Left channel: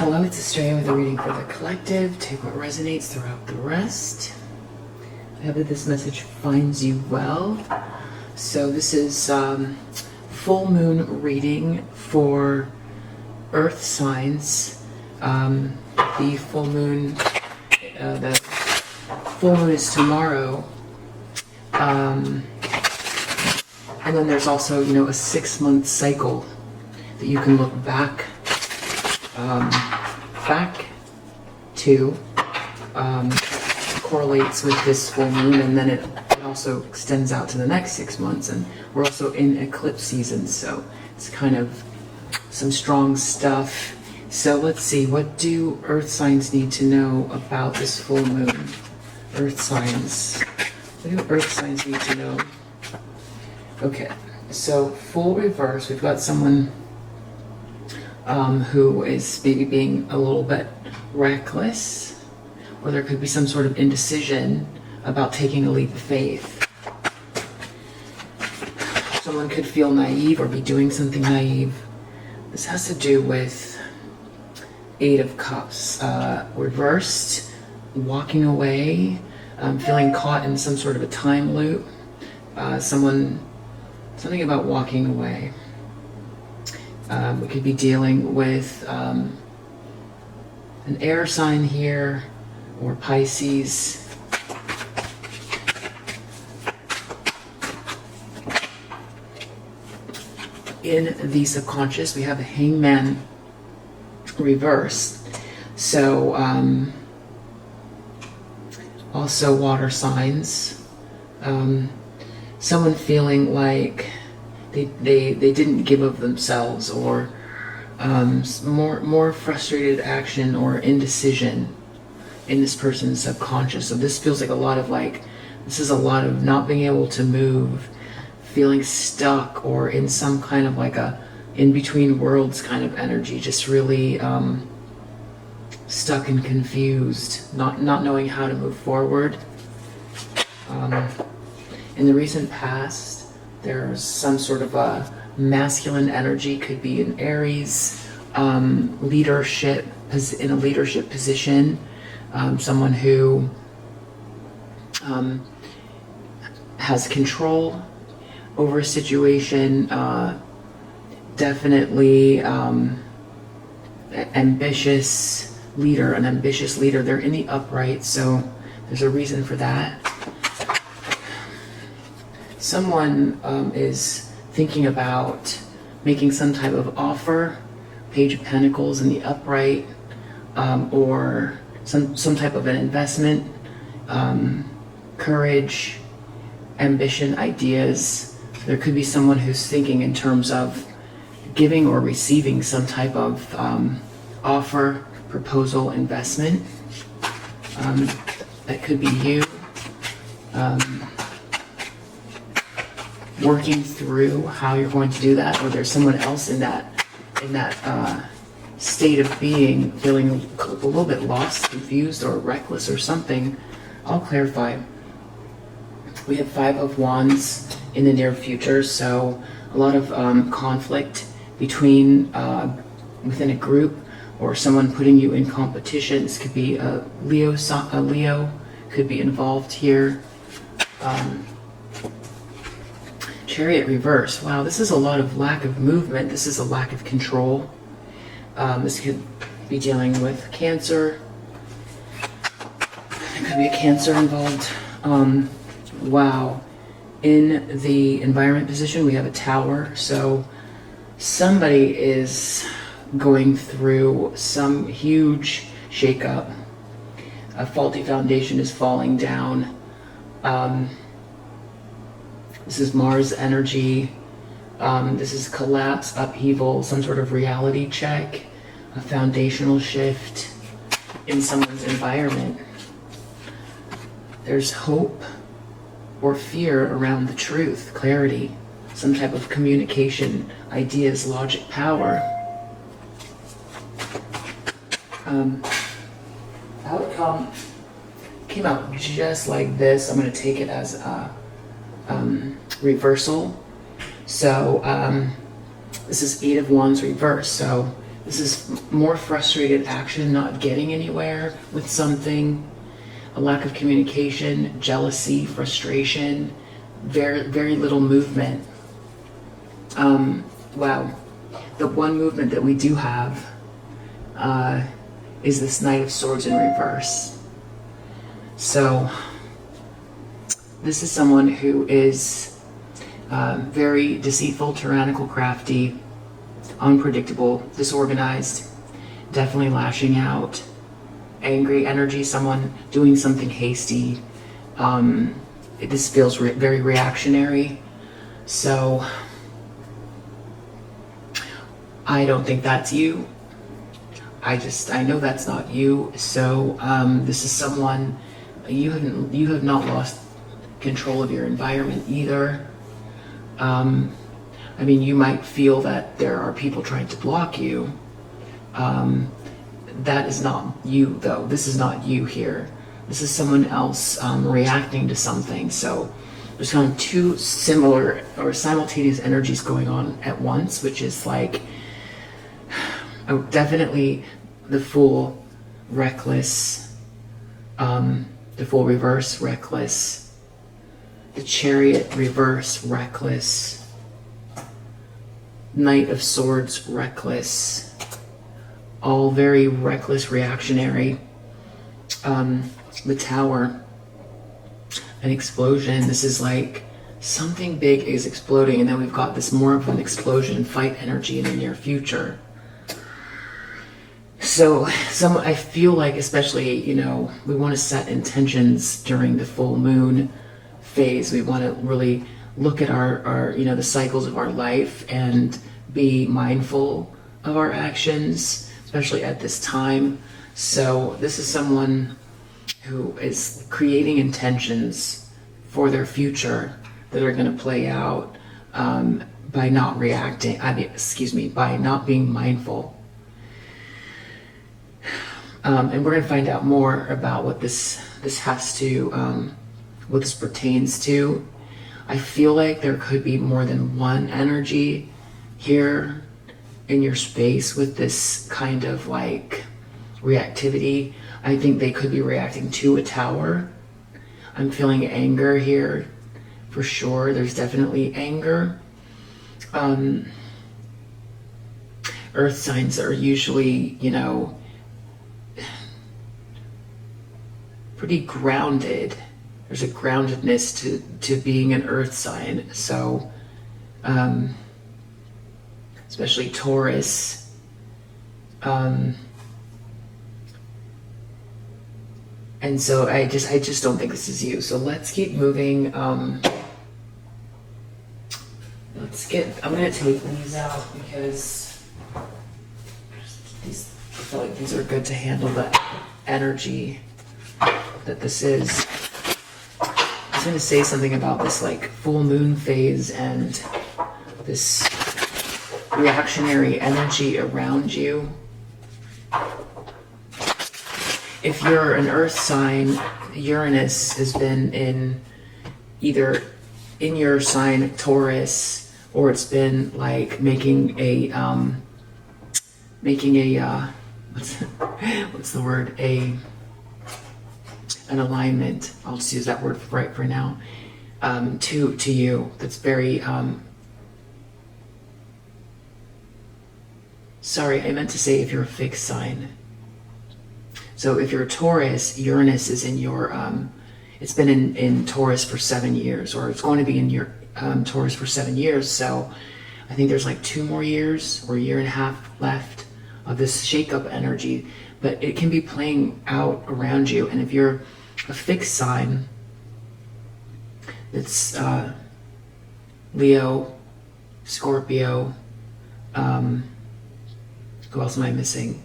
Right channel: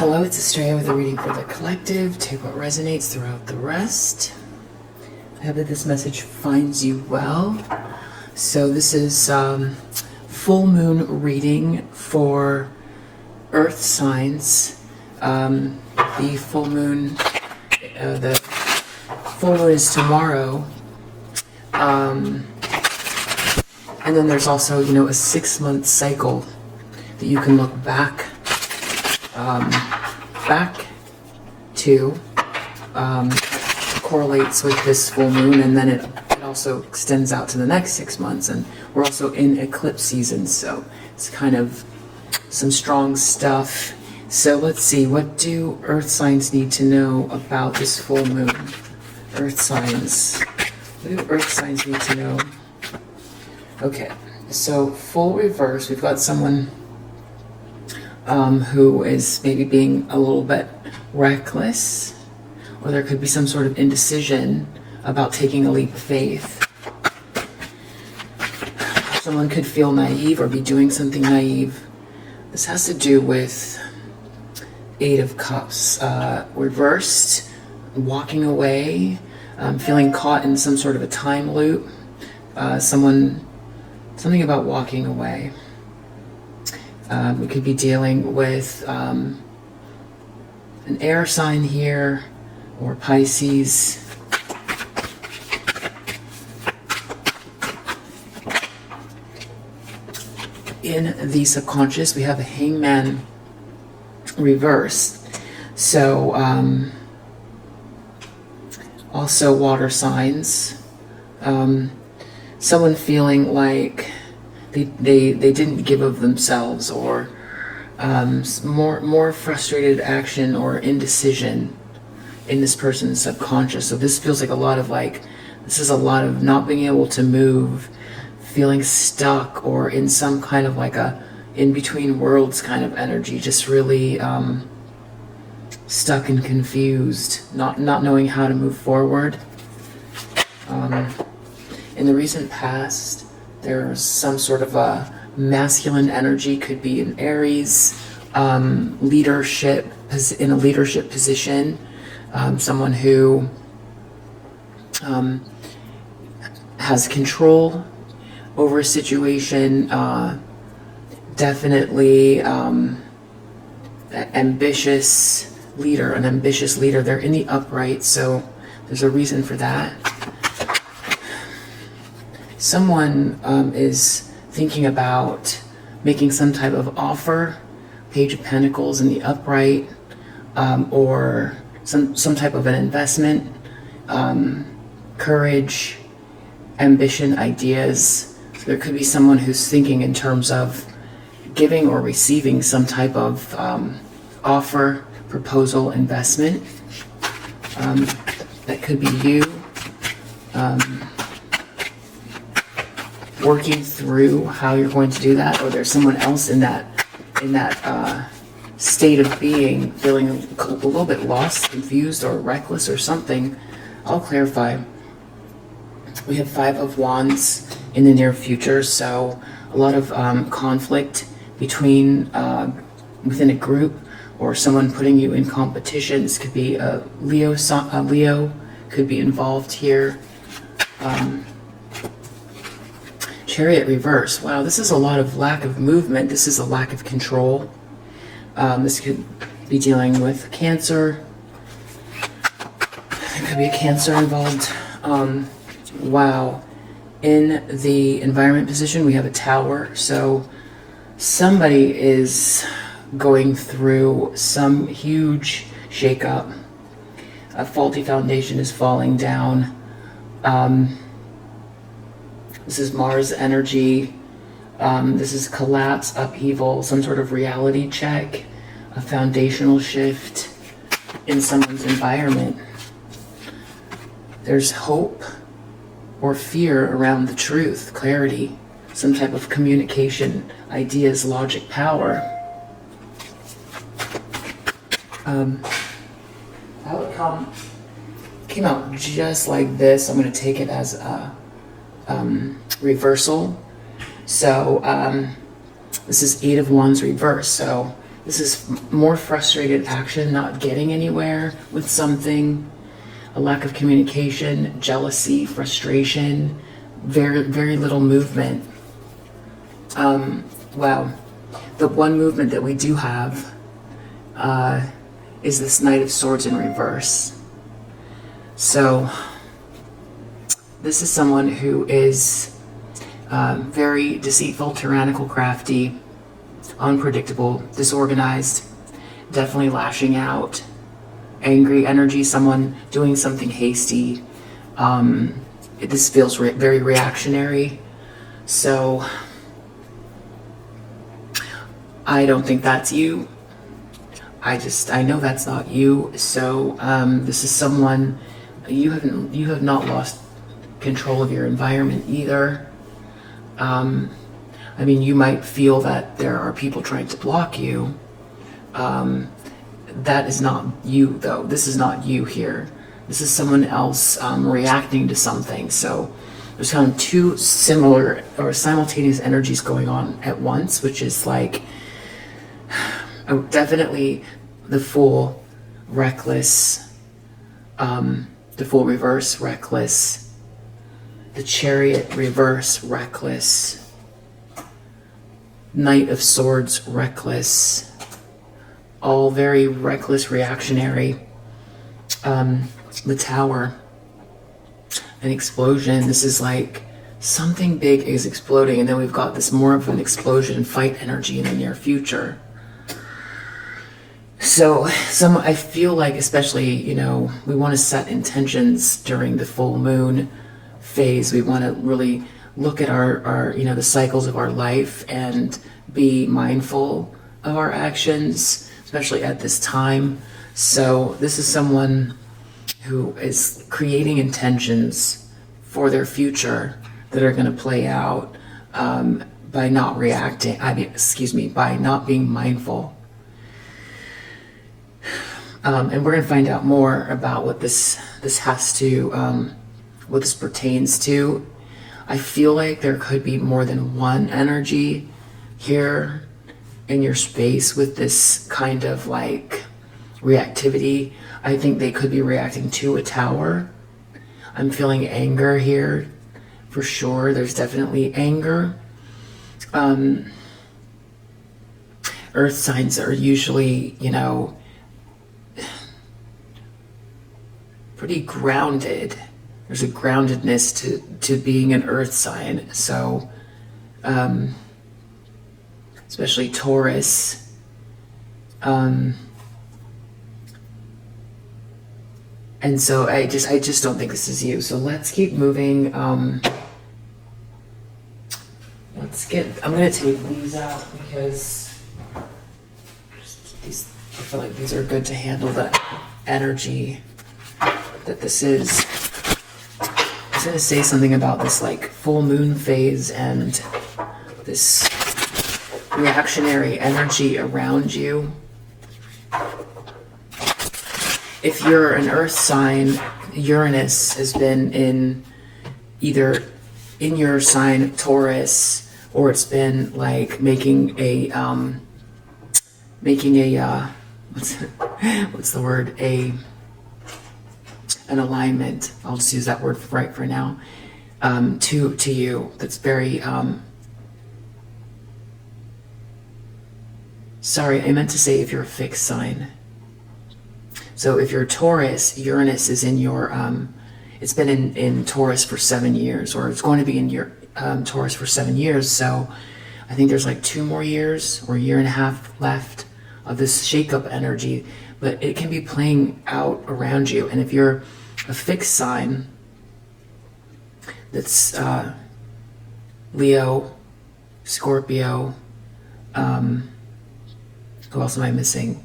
Hello, it's Australia with a reading for the collective. Take what resonates throughout the rest. I hope that this message finds you well. So this is full moon reading for earth signs. The full moon is tomorrow. And then there's also, a 6-month cycle that you can look back to. Correlates with this full moon, and then it also extends out to the next 6 months, and we're also in eclipse season, so it's kind of some strong stuff. So let's see, what do earth signs need to know about this full moon? Earth signs. What do earth signs need to know? Okay, so full reverse, we've got someone who is maybe being a little bit reckless, or there could be some sort of indecision about taking a leap of faith. Someone could feel naive or be doing something naive. This has to do with 8 of Cups, reversed, walking away, feeling caught in some sort of a time loop. Something about walking away. We could be dealing with an air sign here, or Pisces. In the subconscious, we have the Hangman reversed. So, also water signs. Someone feeling like they didn't give of themselves, or more frustrated action or indecision in this person's subconscious. So this feels like this is a lot of not being able to move, feeling stuck, or in some kind of like a in-between worlds kind of energy, just really stuck and confused, not knowing how to move forward. In the recent past, there's some sort of a masculine energy, could be an Aries, leadership, in a leadership position. Someone who has control over a situation, definitely an ambitious leader. They're in the upright, so there's a reason for that. Someone is thinking about making some type of offer, Page of Pentacles in the upright, or some type of an investment, courage, ambition, ideas. So there could be someone who's thinking in terms of giving or receiving some type of offer, proposal, investment. That could be you working through how you're going to do that, or there's someone else in that state of being, feeling a little bit lost, confused, or reckless, or something. I'll clarify. We have 5 of Wands in the near future, so a lot of conflict between within a group, or someone putting you in competitions. Could be a Leo could be involved here. Chariot reverse. Wow, this is a lot of lack of movement. This is a lack of control. This could be dealing with Cancer. There could be a Cancer involved. Wow. In the environment position, we have a Tower. So somebody is going through some huge shakeup. A faulty foundation is falling down. This is Mars energy. This is collapse, upheaval, some sort of reality check, a foundational shift in someone's environment. There's hope or fear around the truth, clarity, some type of communication, ideas, logic, power. Outcome came out just like this. I'm going to take it as a reversal. So this is 8 of Wands reverse. So This is more frustrated action, not getting anywhere with something, a lack of communication, jealousy, frustration, very little movement. Wow. The one movement that we do have is this Knight of Swords in reverse. So this is someone who is very deceitful, tyrannical, crafty, unpredictable, disorganized, definitely lashing out, angry energy, someone doing something hasty. This feels very reactionary. So I don't think that's you. I know that's not you. So this is someone, you have not lost control of your environment either. I mean, you might feel that there are people trying to block you. That is not you, though. This is not you here. This is someone else reacting to something. So there's kind of two similar or simultaneous energies going on at once, which is like definitely the Fool, reckless, the Fool reverse, reckless, the Chariot reverse, reckless, Knight of Swords, reckless, all very reckless, reactionary. The Tower, an explosion. This is like something big is exploding, and then we've got this more of an explosion, fight energy in the near future. So I feel like, especially, you know, we want to set intentions during the full moon phase. We want to really look at our you know, the cycles of our life and be mindful of our actions, especially at this time. So this is someone who is creating intentions for their future that are going to play out by not reacting, by not being mindful. And we're going to find out more about what this has to, what this pertains to. I feel like there could be more than one energy here in your space with this kind of like reactivity. I think they could be reacting to a tower. I'm feeling anger here for sure. There's definitely anger. Earth signs are usually, you know, pretty grounded. There's a groundedness to being an earth sign. So, especially Taurus. And so I just don't think this is you. So let's keep moving. I'm gonna take these out because I feel like these are good to handle the energy that this is. I was gonna say something about this like full moon phase and this reactionary energy around you. If you're an earth sign, Uranus has been in either in your sign Taurus, or it's been like making a what's the word, an alignment, I'll just use that word right for now, to you. That's very sorry, I meant to say if you're a fixed sign. So if you're a Taurus, Uranus is in your, it's been in Taurus for 7 years, or it's going to be in your Taurus for 7 years. So I think there's like 2 more years or a year and a half left of this shake-up energy, but it can be playing out around you. And if you're a fixed sign, that's Leo, Scorpio, who else am I missing?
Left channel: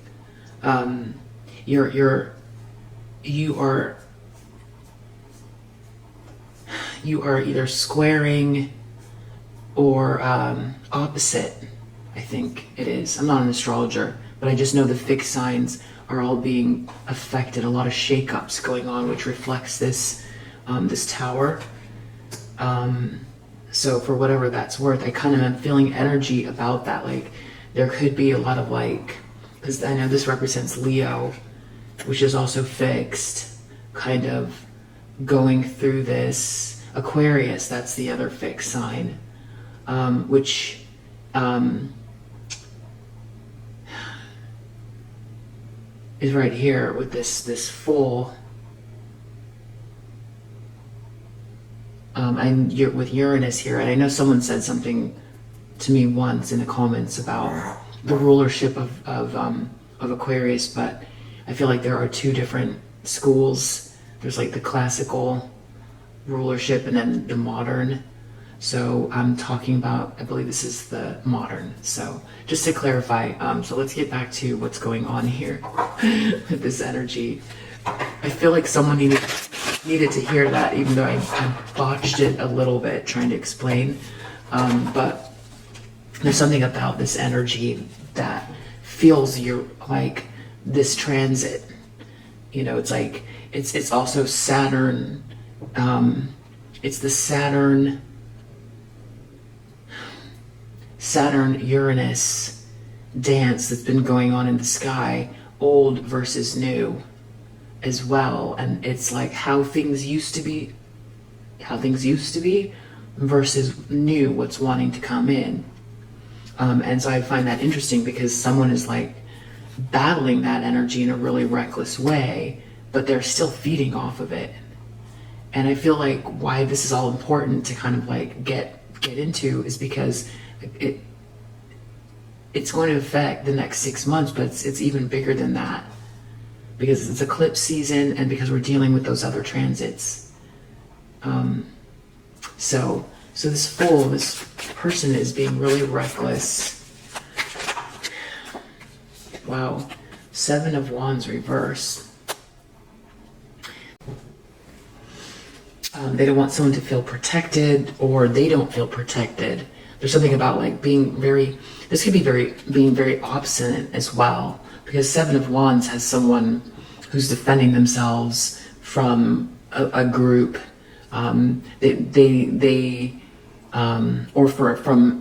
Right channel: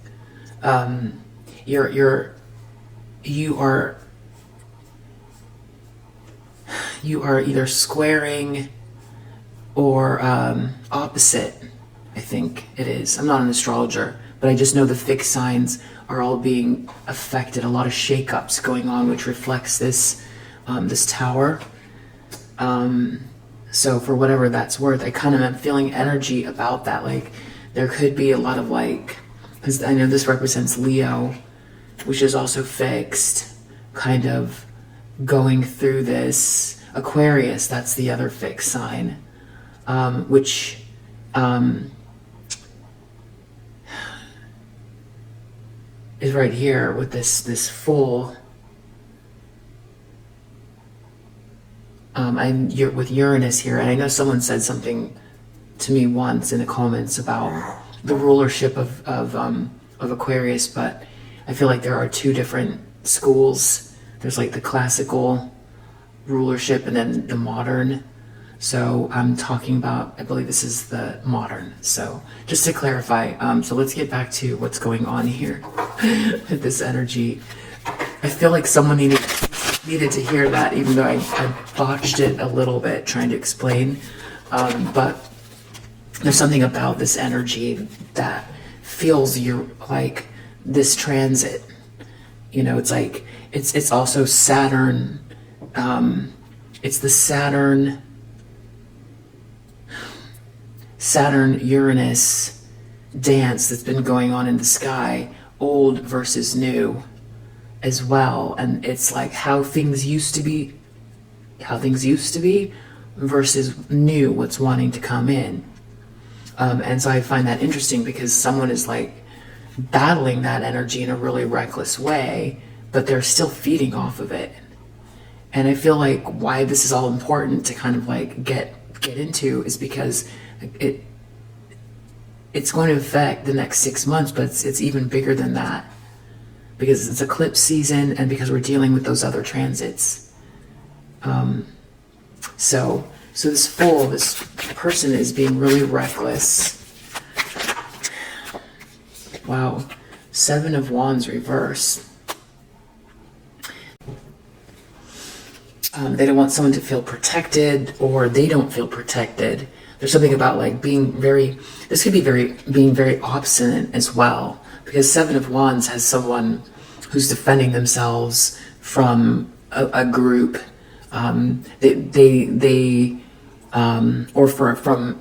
You are either squaring or opposite, I think it is. I'm not an astrologer, but I just know the fixed signs are all being affected. A lot of shakeups going on, which reflects this this tower. So for whatever that's worth, I kind of am feeling energy about that. Like there could be a lot of like because I know this represents Leo, which is also fixed, kind of going through this. Aquarius, that's the other fixed sign, which is right here with this full. With Uranus here, and I know someone said something to me once in the comments about the rulership of Aquarius, but I feel like there are two different schools. There's like the classical rulership and then the modern. So I'm talking about, I believe this is the modern. So just to clarify, so let's get back to what's going on here with this energy. I feel like someone needed to hear that, even though I botched it a little bit trying to explain. But there's something about this energy that feels like this transit. You know, it's like, it's also Saturn. It's the Saturn-Uranus dance that's been going on in the sky, old versus new as well. And it's like how things used to be versus new, what's wanting to come in. And so I find that interesting because someone is like battling that energy in a really reckless way, but they're still feeding off of it. And I feel like why this is all important to kind of like get into is because it's going to affect the next 6 months, but it's even bigger than that because it's eclipse season and because we're dealing with those other transits. So this person is being really reckless. Wow. 7 of Wands reverse. They don't want someone to feel protected, or they don't feel protected. There's something about like being very obstinate as well, because 7 of Wands has someone who's defending themselves from a group, from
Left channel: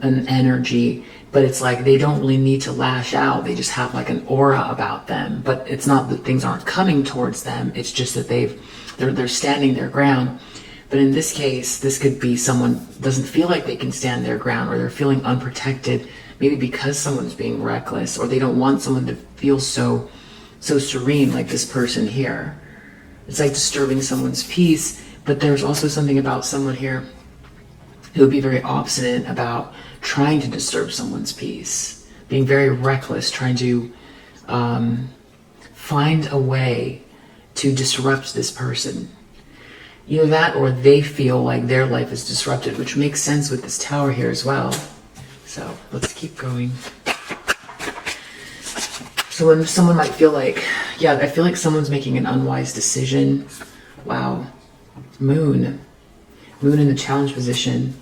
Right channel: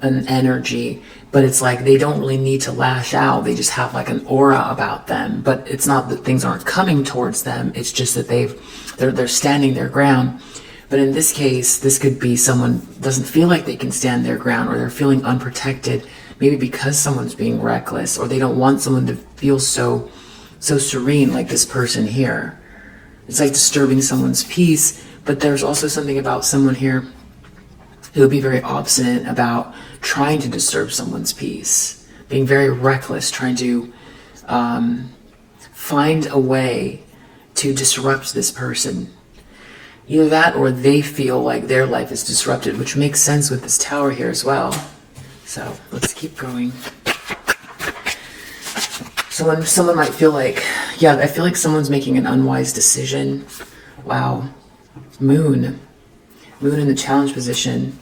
an energy, but it's like they don't really need to lash out. They just have like an aura about them, but it's not that things aren't coming towards them. It's just that they're standing their ground. But in this case, this could be someone doesn't feel like they can stand their ground, or they're feeling unprotected, maybe because someone's being reckless, or they don't want someone to feel so serene like this person here. It's like disturbing someone's peace. But there's also something about someone here who would be very obstinate about trying to disturb someone's peace, being very reckless, trying to find a way to disrupt this person. Either that, or they feel like their life is disrupted, which makes sense with this Tower here as well. So let's keep going. So when someone might feel like, yeah, I feel like someone's making an unwise decision. Wow. Moon in the challenge position.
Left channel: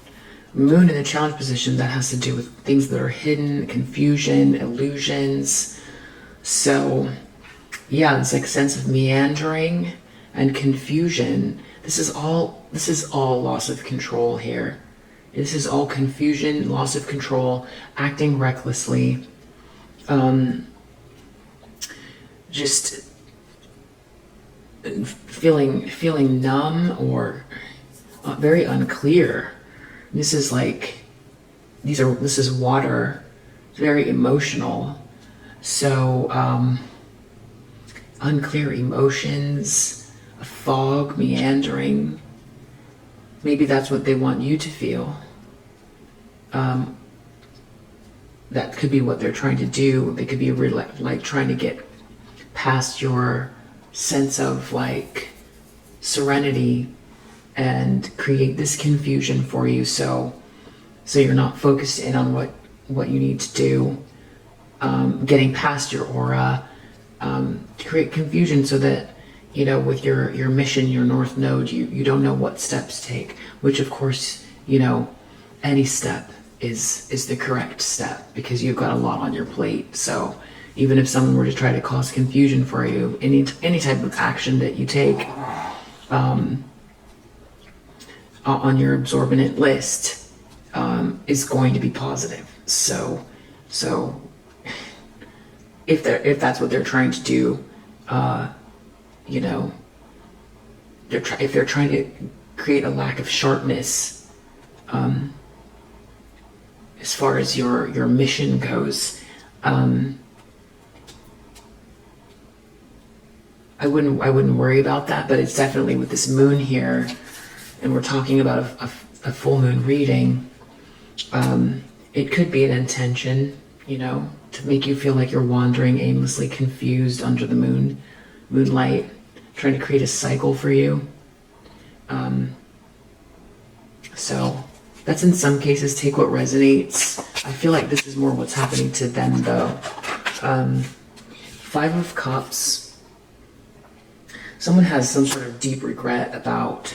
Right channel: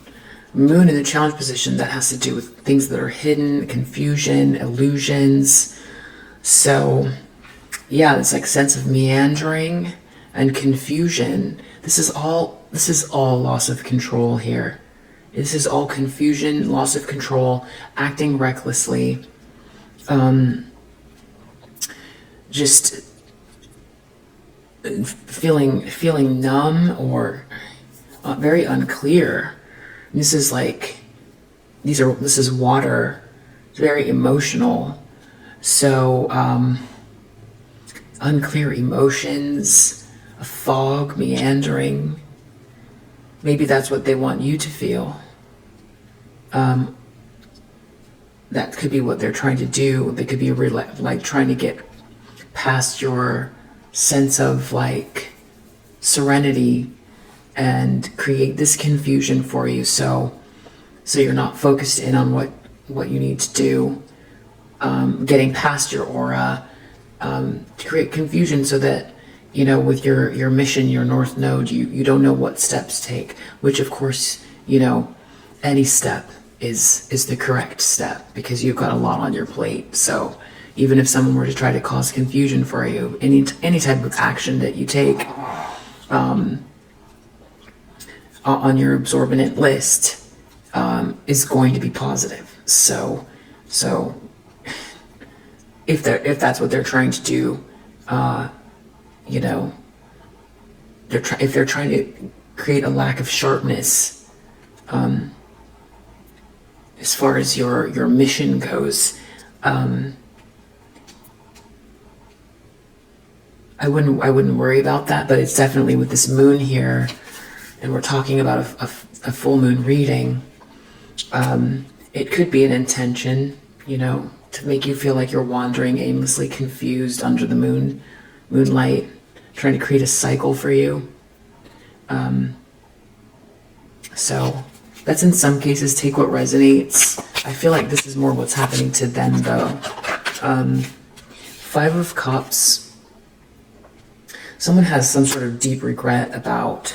Moon in the challenge position, that has to do with things that are hidden, confusion, illusions. So yeah, it's like sense of meandering and confusion. This is all loss of control here. This is all confusion, loss of control, acting recklessly, just feeling numb or very unclear. This is like, this is water. It's very emotional. So unclear emotions, a fog, meandering. Maybe that's what they want you to feel. That could be what they're trying to do. They could be like trying to get past your sense of like serenity and create this confusion for you, so you're not focused in on what you need to do, getting past your aura, to create confusion so that, you know, with your mission, your North Node, you don't know what steps to take, which of course, you know, any step is the correct step because you've got a lot on your plate. So even if someone were to try to cause confusion for you, any type of action that you take on your absorbent list is going to be positive. So if that's what they're trying to do, you know, if they're trying to create a lack of sharpness, as far as your mission goes, I wouldn't worry about that. But it's definitely with this moon here, and we're talking about a full moon reading. It could be an intention, you know, to make you feel like you're wandering aimlessly, confused under the moonlight, trying to create a cycle for you. So that's in some cases, take what resonates. I feel like this is more what's happening to them though. Five of Cups. Someone has some sort of deep regret about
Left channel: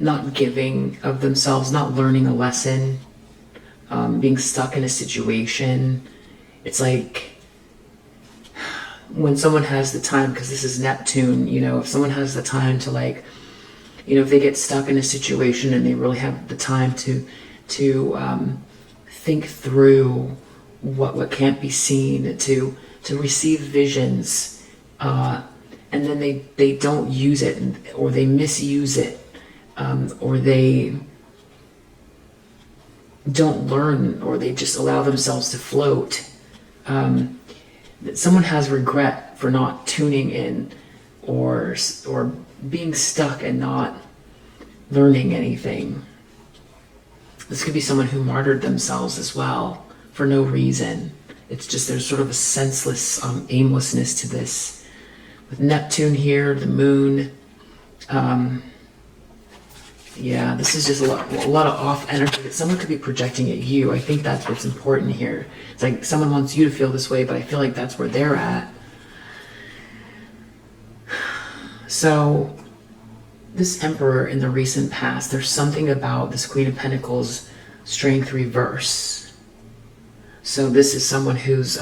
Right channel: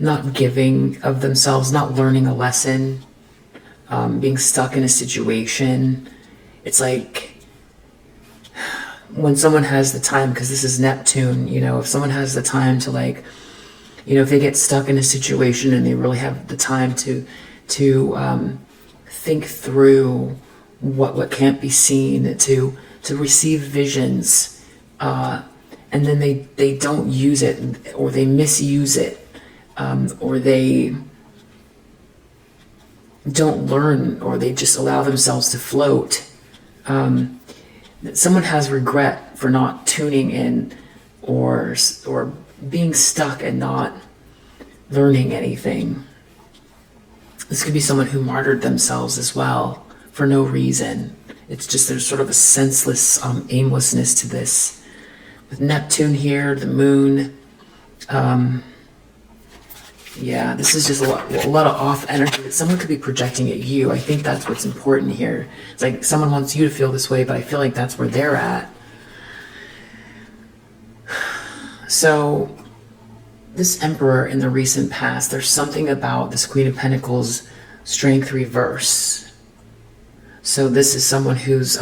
not giving of themselves, not learning a lesson, being stuck in a situation. It's like when someone has the time, because this is Neptune, you know, if someone has the time to, like, you know, if they get stuck in a situation and they really have the time to think through what can't be seen, to receive visions, and then they don't use it, or they misuse it, or they don't learn, or they just allow themselves to float. Someone has regret for not tuning in, or being stuck and not learning anything. This could be someone who martyred themselves as well for no reason. It's just there's sort of a senseless aimlessness to this. With Neptune here, the moon, yeah, this is just a lot of off energy that someone could be projecting at you. I think that's what's important here. It's like someone wants you to feel this way, but I feel like that's where they're at. So this Emperor in the recent past, there's something about this Queen of Pentacles strength reverse. So this is someone who's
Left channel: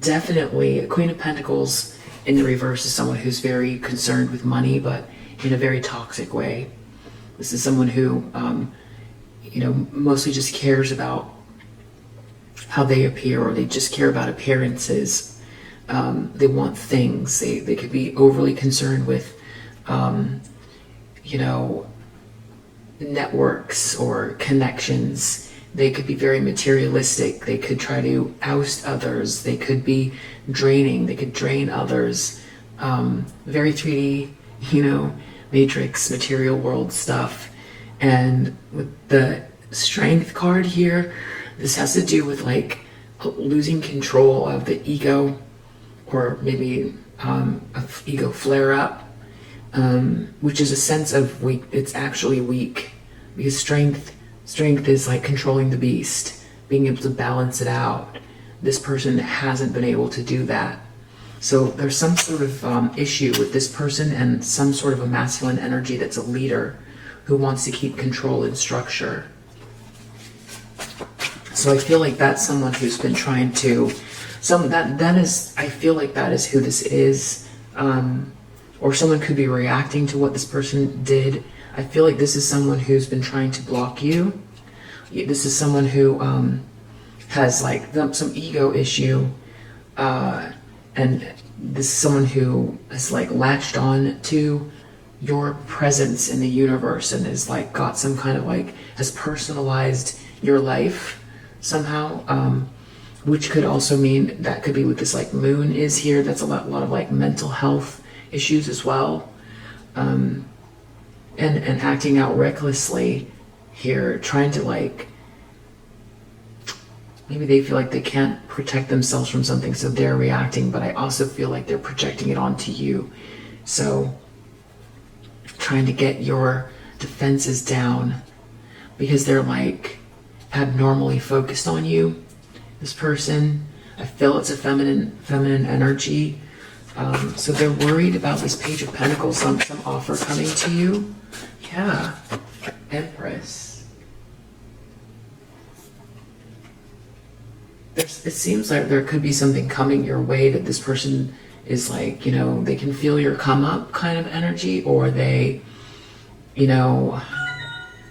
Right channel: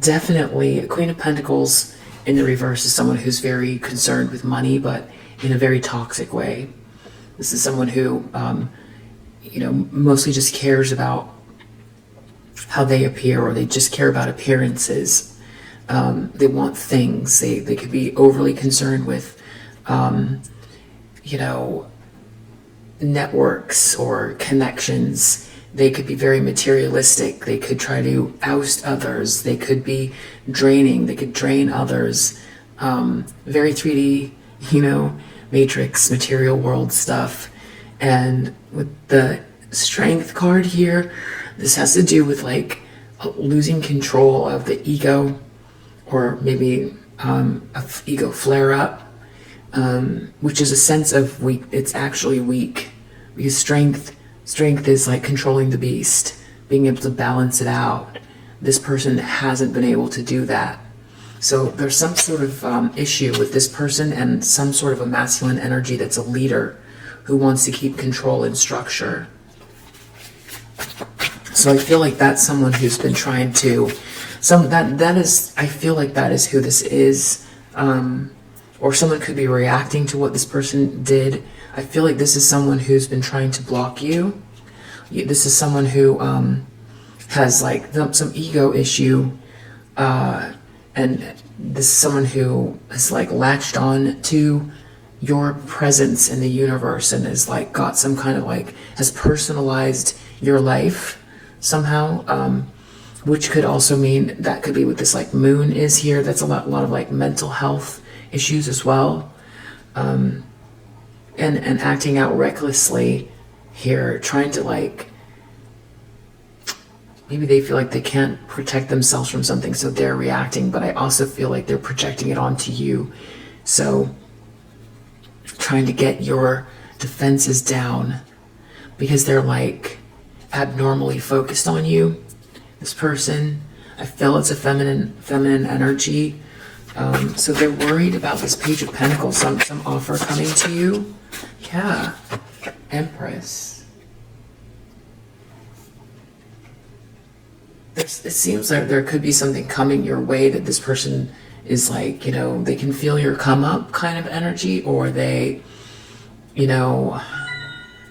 definitely, Queen of Pentacles in the reverse is someone who's very concerned with money, but in a very toxic way. This is someone who, you know, mostly just cares about how they appear, or they just care about appearances. They want things. They could be overly concerned with, you know, networks or connections. They could be very materialistic. They could try to oust others. They could be draining. They could drain others. Very 3D, you know, matrix, material world stuff. And with the Strength card here, this has to do with like losing control of the ego, or maybe of ego flare up, which is a sense of weak. It's actually weak, because strength is like controlling the beast, being able to balance it out. This person hasn't been able to do that. So there's some sort of issue with this person and some sort of a masculine energy that's a leader who wants to keep control and structure. So I feel like that's someone who's been trying to, that is, I feel like that is who this is. Or someone could be reacting to what this person did. I feel like this is someone who's been trying to block you. This is someone who has like some ego issue, and this is someone who has like latched on to your presence in the universe and is like got some kind of like, has personalized your life somehow, which could also mean that could be what this like moon is here. That's a lot of like mental health issues as well, and acting out recklessly here, trying to like, maybe they feel like they can't protect themselves from something, so they're reacting, but I also feel like they're projecting it onto you. So trying to get your defenses down because they're like abnormally focused on you. This person, I feel it's a feminine energy. So they're worried about this Page of Pentacles, some offer coming to you. Yeah, Empress. It seems like there could be something coming your way that this person is like, you know, they can feel your come up kind of energy, or they, you know,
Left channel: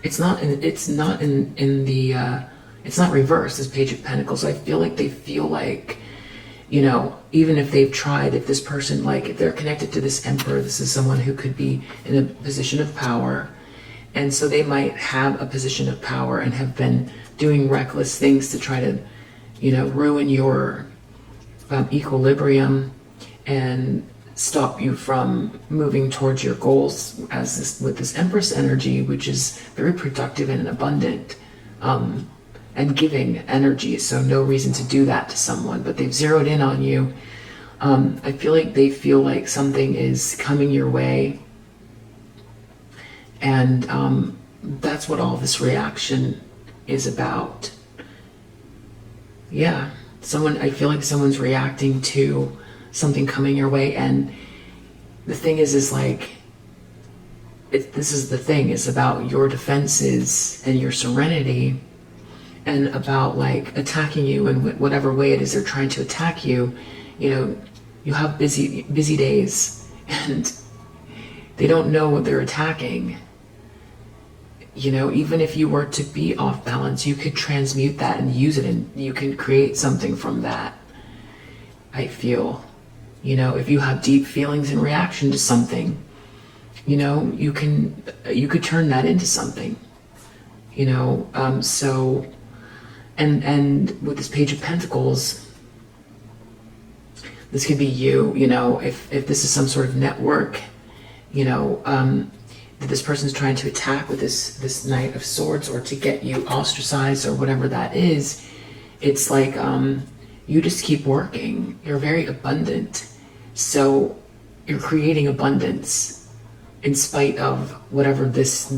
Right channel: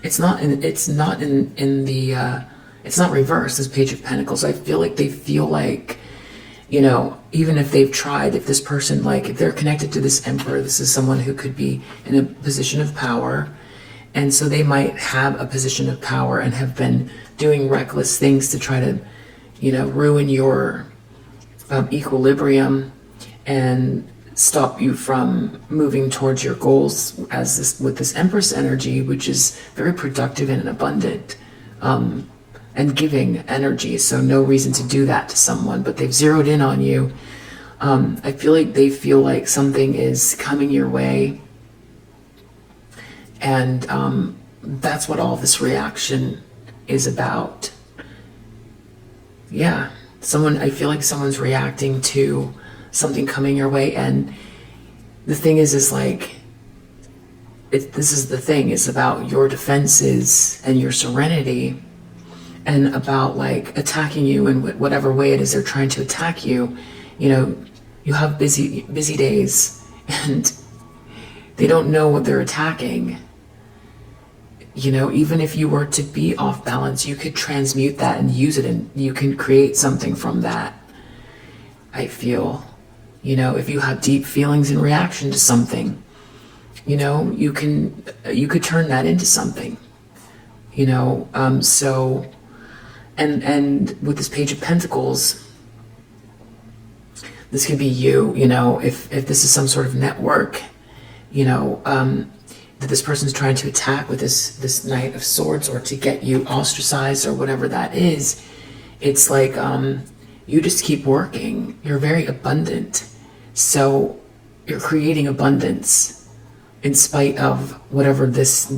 it's not in the it's not reversed, this Page of Pentacles. I feel like they feel like, you know, even if they've tried, if this person, like, if they're connected to this Emperor, this is someone who could be in a position of power. And so they might have a position of power and have been doing reckless things to try to, you know, ruin your equilibrium and stop you from moving towards your goals as this, with this Empress energy, which is very productive and abundant and giving energy. So no reason to do that to someone, but they've zeroed in on you. I feel like they feel like something is coming your way, and that's what all this reaction is about. Yeah, I feel like someone's reacting to something coming your way, and the thing is like, this is the thing, is about your defenses and your serenity, and about like attacking you in whatever way it is they're trying to attack you. You know, you have busy days, and they don't know what they're attacking. You know, even if you were to be off balance, you could transmute that and use it, and you can create something from that. I feel, you know, if you have deep feelings in reaction to something, you know, you could turn that into something, you know. So, and with this Page of Pentacles, this could be you, you know, if this is some sort of network, you know, that this person's trying to attack with this Knight of Swords, or to get you ostracized, or whatever that is. It's like, you just keep working. You're very abundant. So you're creating abundance in spite of whatever this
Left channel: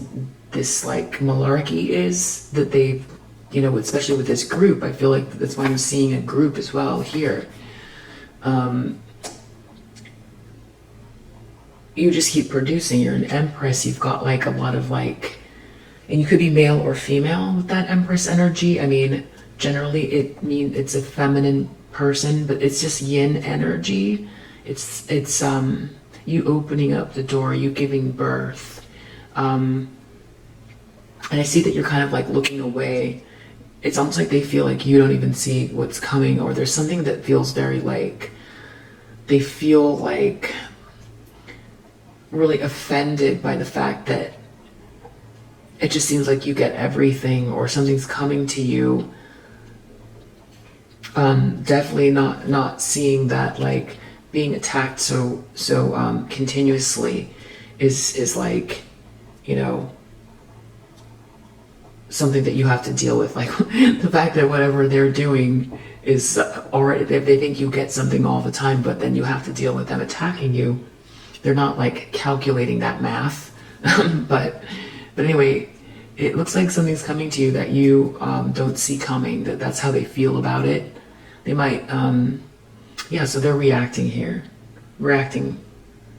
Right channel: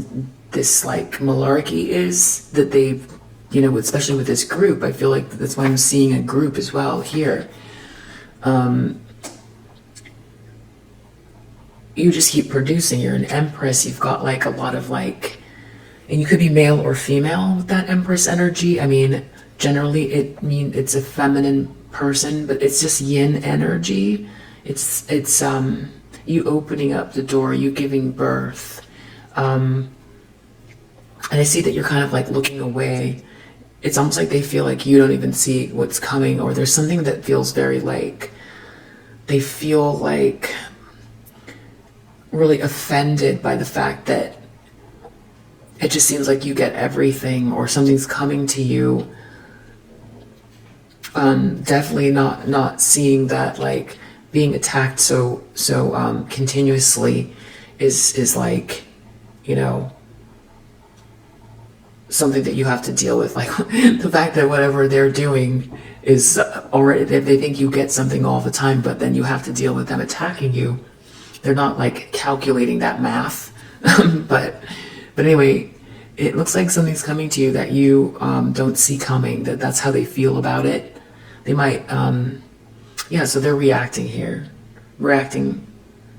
like malarkey is that they've, you know, especially with this group. I feel like that's why I'm seeing a group as well here. You just keep producing. You're an Empress. You've got like a lot of like, and you could be male or female with that Empress energy. I mean, generally it's a feminine person, but it's just yin energy. It's you opening up the door, you giving birth. And I see that you're kind of like looking away. It's almost like they feel like you don't even see what's coming, or there's something that feels very like, they feel like really offended by the fact that it just seems like you get everything, or something's coming to you. Definitely not seeing that like being attacked so continuously is like, you know, something that you have to deal with. Like the fact that whatever they're doing is already, they think you get something all the time, but then you have to deal with them attacking you. They're not like calculating that math. but anyway, it looks like something's coming to you that you don't see coming. That's how they feel about it. They might, yeah, so they're reacting here. Reacting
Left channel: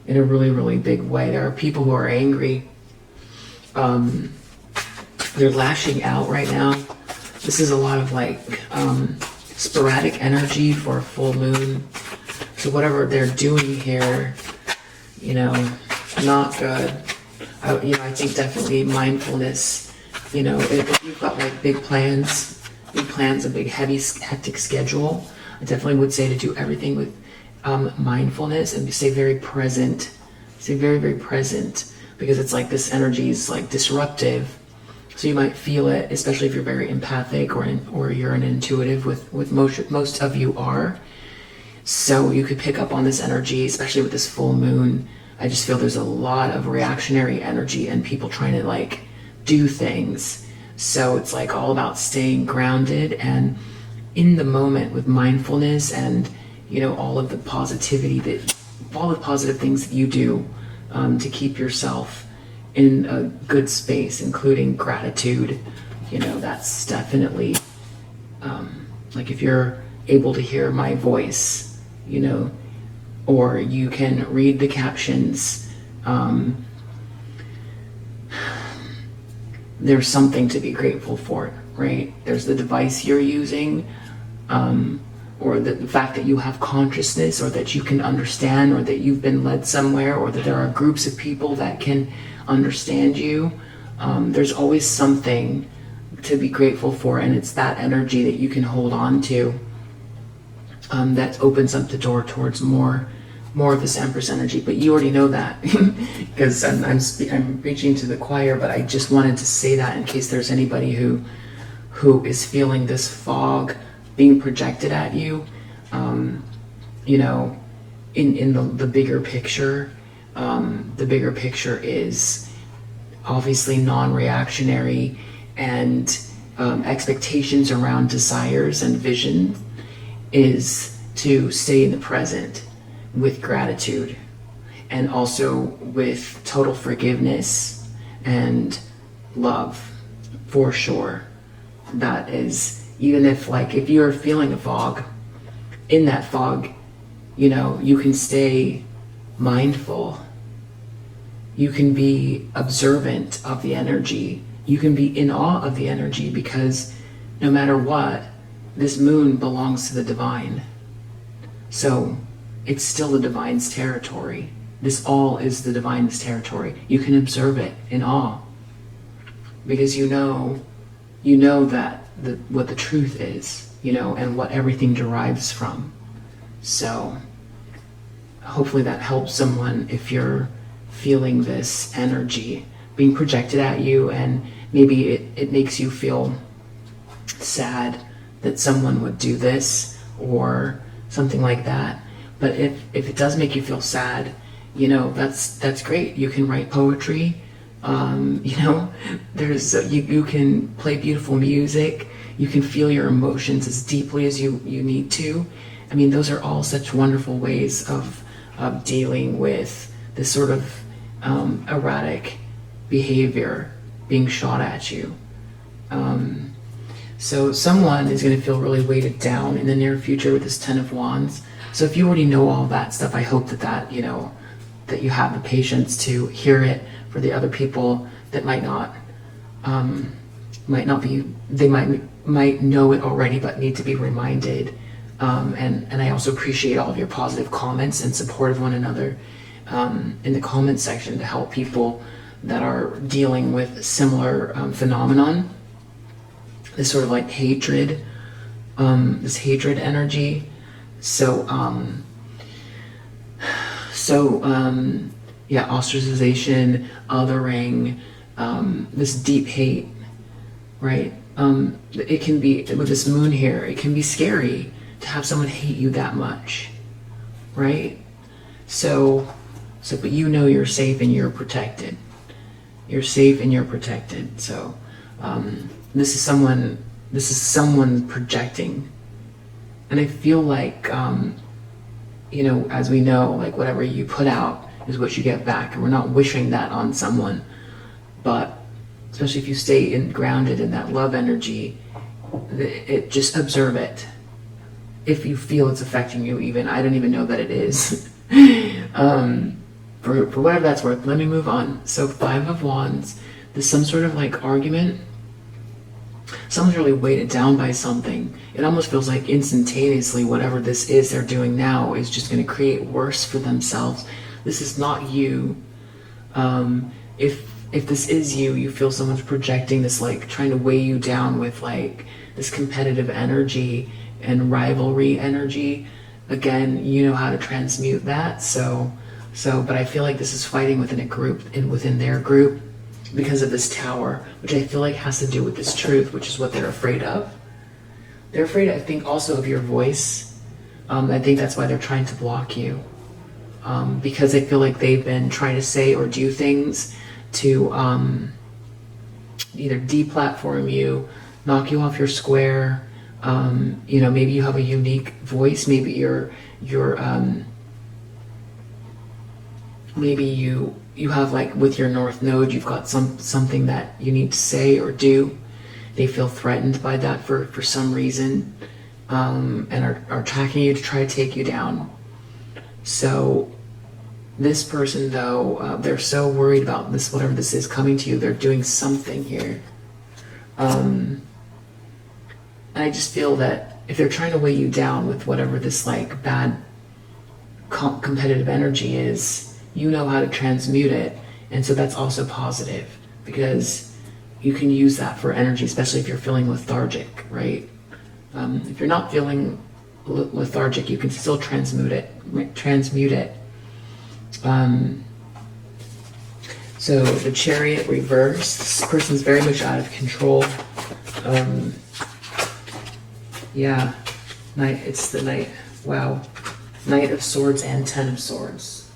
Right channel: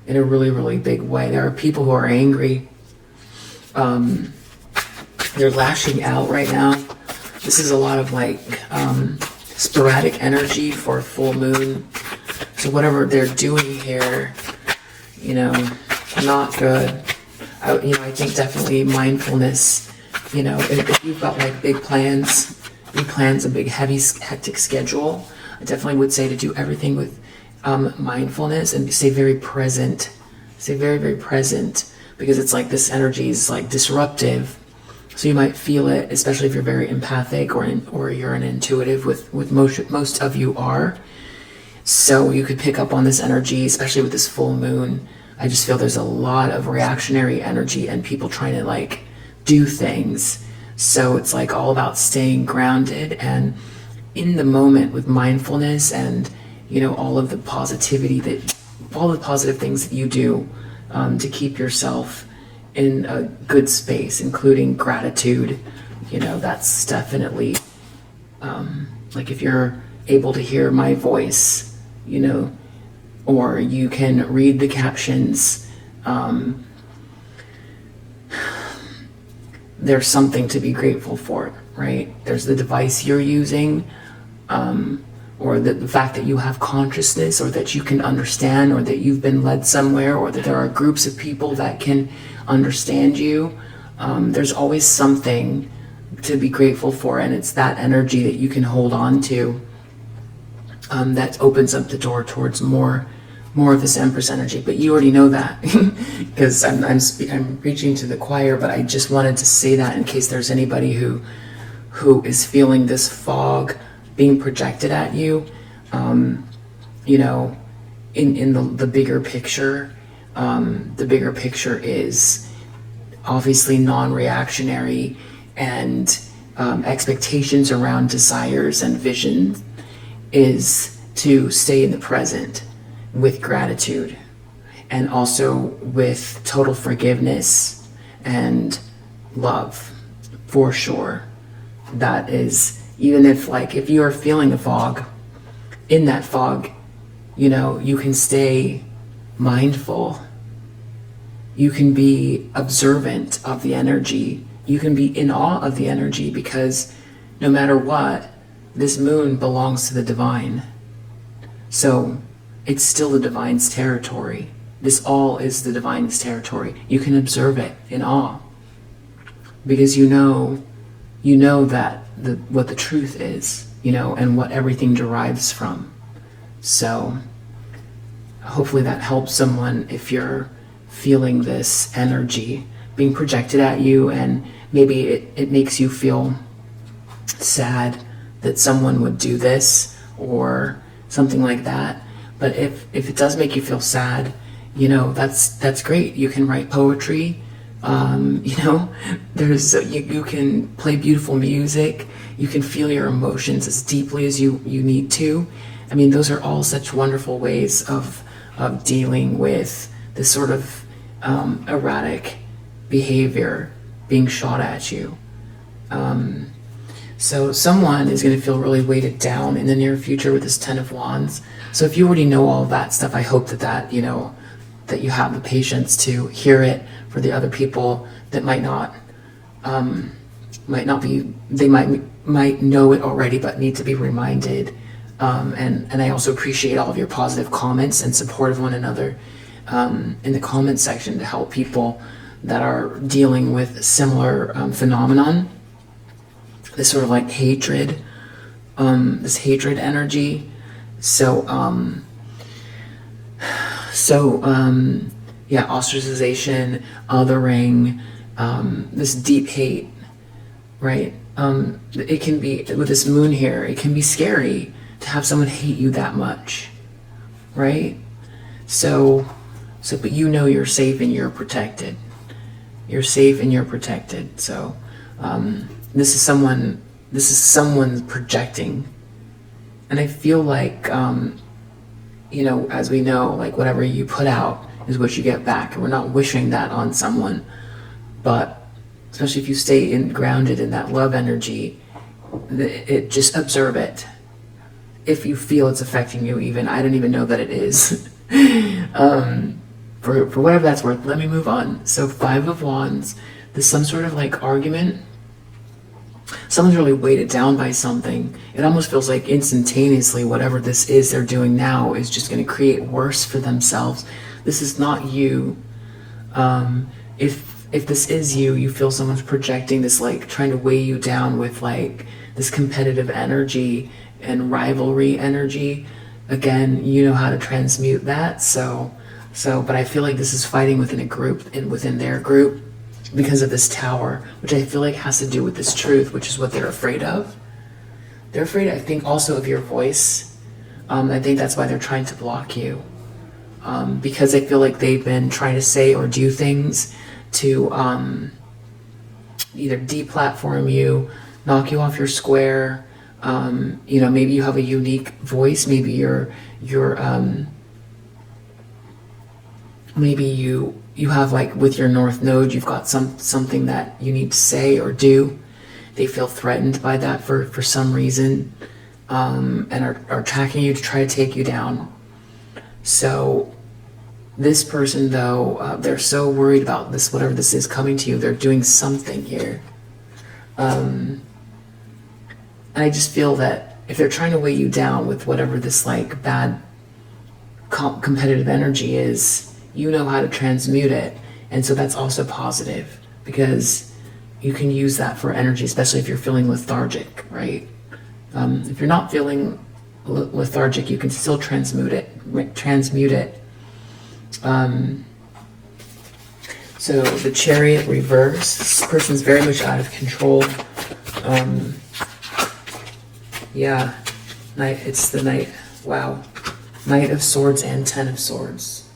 in a really, really big way. There are people who are angry. They're lashing out right now. This is a lot of like sporadic energy for full moon. So whatever they're doing here, you know, not good. You know, I think definitely mindfulness. You know, if you've got like big plans, a big heavy, hectic schedule, I definitely would say to do everything with mindfulness and stay very present. Stay very, very present, because it's like this energy is like disruptive. So you might feel it, especially if you're very empathic or you're an intuitive, with most of you are. So you could pick up on this energy, especially with this full moon. I just feel there's a lot of reactionary energy and people trying to like do things. So it's like all about staying grounded and in the moment with mindfulness, and you know, all of the positivity all the positive things that you do to keep yourself in a good space, including gratitude. You know, that's definitely like if you're able to hear my voice, you know, or you can read the captions, there's something to be grateful for, right? There's the device you're using, or the fact that you have consciousness, or that you can understand, or that you've been led somewhere, or that there are groups of people that can understand you. There's always something to be grateful for, and it's that energy that you can hold on to that opens up the door towards more of this Empress energy. But you already know that because I'm preaching to the choir, but I just wanted to say that in case there's anybody who is feeling this fog being projected at you. You know, in the bigger picture, the bigger picture is obviously non-reactionary, and expectations around desires and vision is to stay in the present with gratitude, and also with total forgiveness and love, for sure. That is, even if you're feeling a fog, in that fog, you know, you can stay mindful. You can be observant of the energy. You can be in awe of the energy, because no matter what, this moon belongs to the divine. So it's still the divine's territory. This all is the divine's territory. You can observe it in awe, because you know that what the truth is, you know, and what everything derives from. So hopefully that helps someone if you're feeling this energy being projected at you, and maybe it makes you feel sad that someone would do this or something like that. But if it does make you feel sad, you know, that's great. You can write poetry. You know, there's you can play beautiful music. You can feel your emotions as deeply as you need to. I mean, those are all such wonderful ways of dealing with this sort of erratic behavior being shot at you. So someone is going to feel really weighted down in the near future with this Ten of Wands. So if you already know all that stuff, I hope that you know, that you have the patience to hear it. For the other people that might not be, they might know it already, but need to be reminded. And I also appreciate all of your positive comments and support of one another in the comment section to help people that are dealing with similar phenomenon. This sort of like hatred, this hatred energy. So yeah, ostracization, othering, this deep hate, right? It can be, with this moon here, it can be scary to have someone hate you that much, right? So, but you know you're safe and you're protected. You're safe and you're protected. So, this is someone projecting. And I feel like, you know, as we know, like whatever you put out is what you get back. And we're not wishing that on someone. But especially if you stay grounded in that love energy, just observe it. If you feel it's affecting you even, I don't even know that it is. For whatever that's worth, let me move on. So 5 of Wands, there's some sort of like argument. Someone's really weighted down by something. It almost feels like instantaneously whatever this is they're doing now is just going to create worse for themselves. This is not you. If this is you, you feel someone's projecting this, like trying to weigh you down with like this competitive energy and rivalry energy. Again, you know how to transmute that. But I feel like this is fighting within a group and within their group because of this Tower, which I feel like has to do with this truth, which is what they're afraid of. They're afraid, I think, also of your voice. I think that's why they're trying to block you. Because I feel like they've been trying to say or do things to either deplatform you, knock you off your square. You know, maybe you have a unique voice. Maybe maybe you have, like with your North Node, you've got something that you need to say or do. They feel threatened by that for some reason, and are tracking you to try to take you down. So this person, though, they're so worried about this, whatever this is coming to you, they're doing something here. And I just feel that if they're trying to weigh you down with whatever this like bad competitive energy is, you know how to transmute it. And so that's also positive, because you can use that for energy, especially if you're feeling lethargic, right? If you're not feeling lethargic, you can still transmute it. So the Chariot reverse, this person's very much out of control. Yeah, it's the Knight, wow. Knight of Swords and Ten of Swords.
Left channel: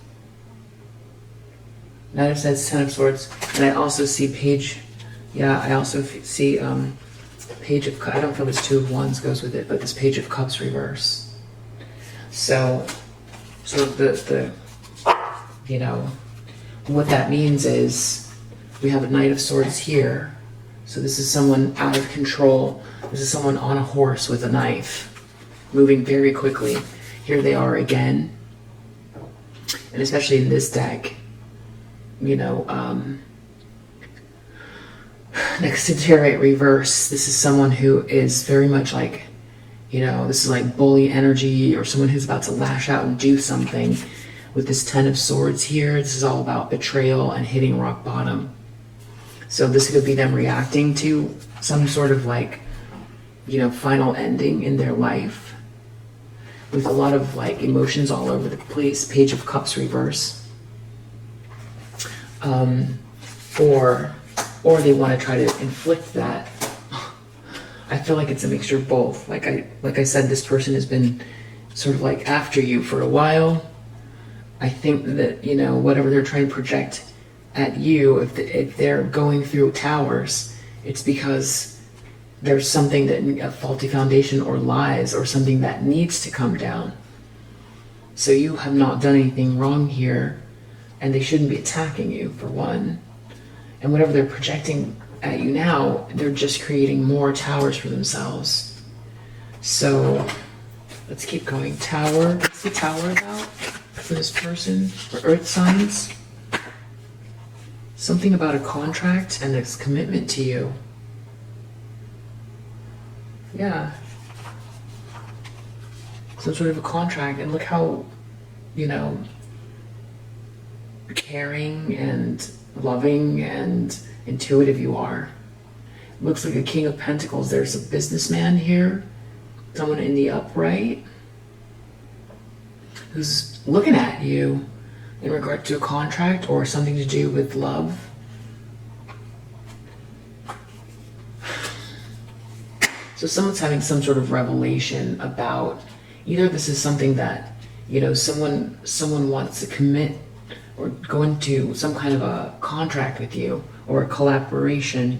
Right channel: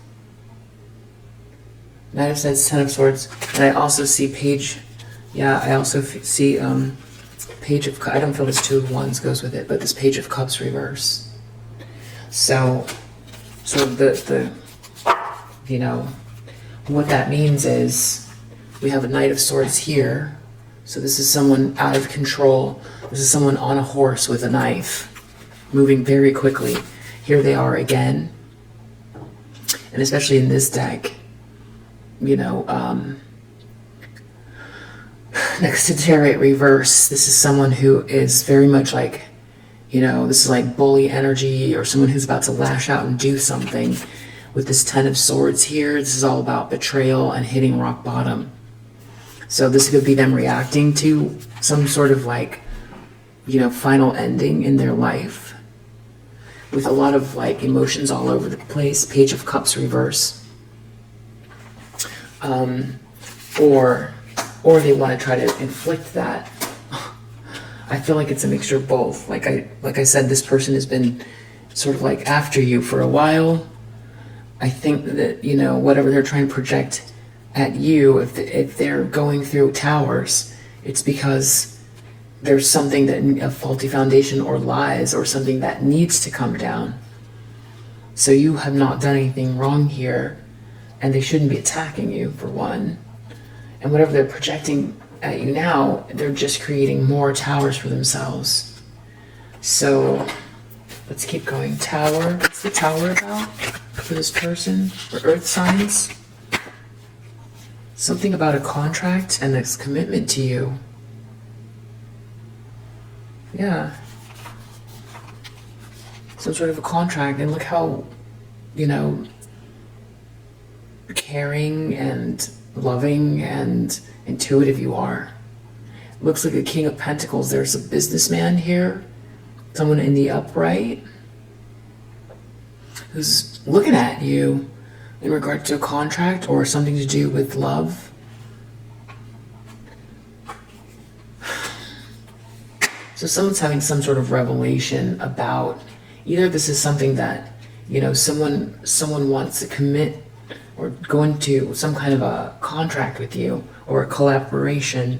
Knight of Swords, Ten of Swords, and I also see Page, yeah, I also see Page of Cups. I don't feel this Two of Wands goes with it, but this Page of Cups reverse. So the you know, what that means is we have a Knight of Swords here. So this is someone out of control. This is someone on a horse with a knife, moving very quickly. Here they are again. And especially in this deck, you know, next to Chariot reverse, this is someone who is very much like, you know, this is like bully energy, or someone who's about to lash out and do something. With this Ten of Swords here, this is all about betrayal and hitting rock bottom. So this could be them reacting to some sort of like, you know, final ending in their life, with a lot of like emotions all over the place. Page of Cups reverse. Or they want to try to inflict that. I feel like it's a mixture of both. Like I said, this person has been sort of like after you for a while. I think that, you know, whatever they're trying to project at you, if they're going through towers, it's because there's something that, a faulty foundation or lies or something that needs to come down. So you have not done anything wrong here, and they shouldn't be attacking you, for one. And whatever they're projecting at you now, they're just creating more towers for themselves. So let's keep going. Tower. What's the Tower about for this person? For Earth signs? Something about a contract and this commitment to you. Yeah. Some sort of a contract. And look how, you know, caring and loving and intuitive you are. Looks like a King of Pentacles. There's a businessman here. Someone in the upright who's looking at you in regard to a contract or something to do with love. So someone's having some sort of revelation about, either this is something that, you know, someone wants to commit or go into some kind of a contract with you, or a collaboration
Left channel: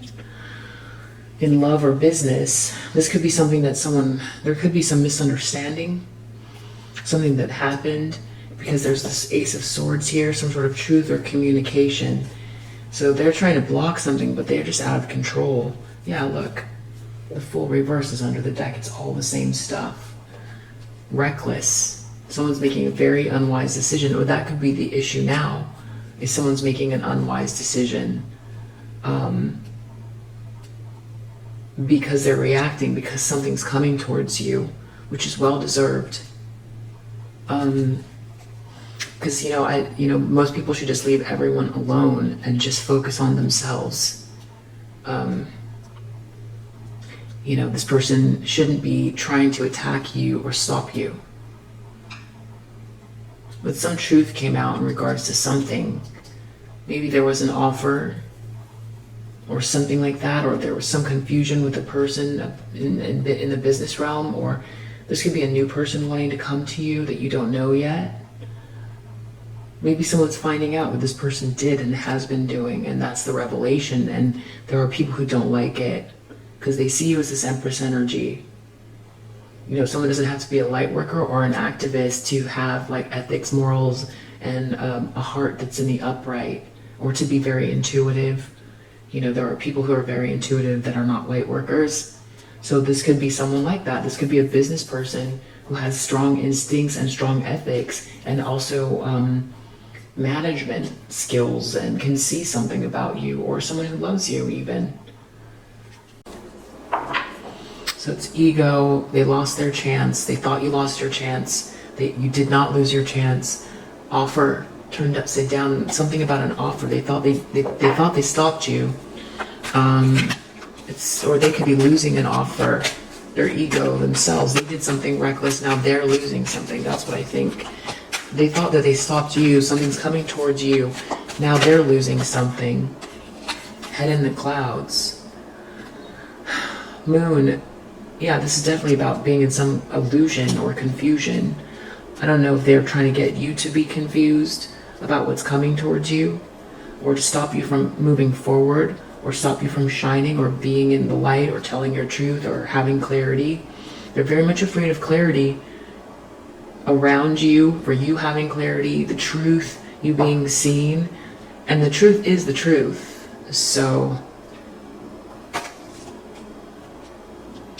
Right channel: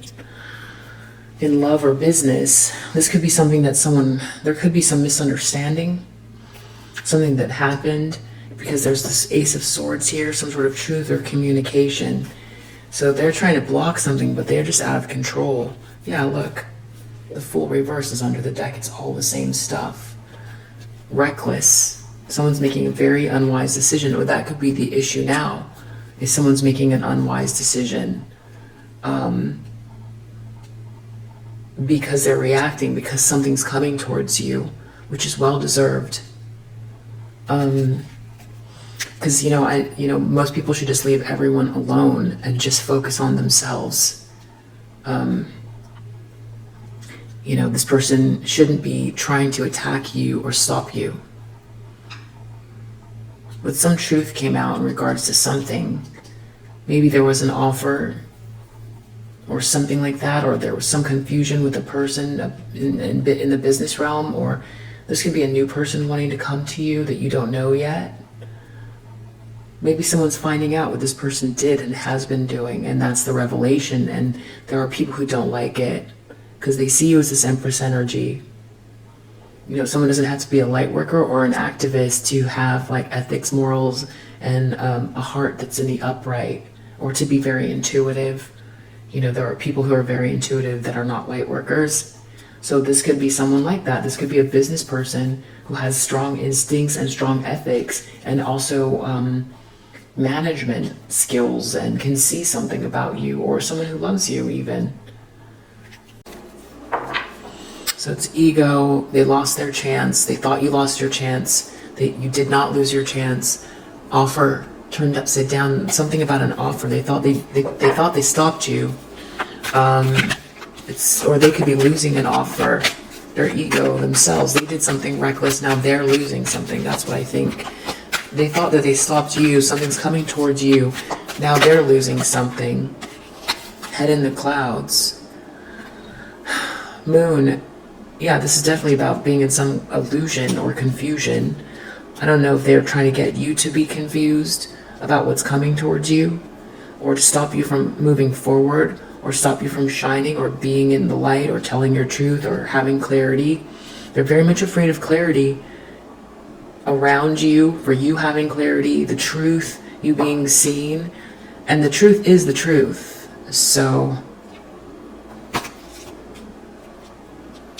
in love or business. This could be something that there could be some misunderstanding, something that happened, because there's this Ace of Swords here, some sort of truth or communication. So they're trying to block something, but they're just out of control. Yeah, look, the Fool reverse is under the deck. It's all the same stuff. Reckless. Someone's making a very unwise decision, or that could be the issue now, is someone's making an unwise decision. Because they're reacting, because something's coming towards you, which is well deserved. Because most people should just leave everyone alone and just focus on themselves. This person shouldn't be trying to attack you or stop you. But some truth came out in regards to something. Maybe there was an offer or something like that, or there was some confusion with a person in the business realm, or this could be a new person wanting to come to you that you don't know yet. Maybe someone's finding out what this person did and has been doing, and that's the revelation, and there are people who don't like it because they see you as this Empress energy. Someone doesn't have to be a light worker or an activist to have like ethics, morals, and a heart that's in the upright, or to be very intuitive. There are people who are very intuitive that are not light workers. So this could be someone like that. This could be a business person who has strong instincts and strong ethics, and also management skills, and can see something about you, or someone who loves you even. So it's ego. They lost their chance. They thought you lost your chance. You did not lose your chance. Offer turned upside down. Something about an offer. They thought they stopped you. Or they could be losing an offer. Their ego themselves, they did something reckless, now they're losing something. That's what I think. They thought that they stopped you, something's coming towards you, now they're losing something. Head in the clouds. Moon, yeah, this is definitely about being in some illusion or confusion. I don't know if they're trying to get you to be confused about what's coming towards you, or to stop you from moving forward, or stop you from shining or being in the light or telling your truth or having clarity. They're very much afraid of clarity around you, for you having clarity, the truth, you being seen, and the truth is the truth. So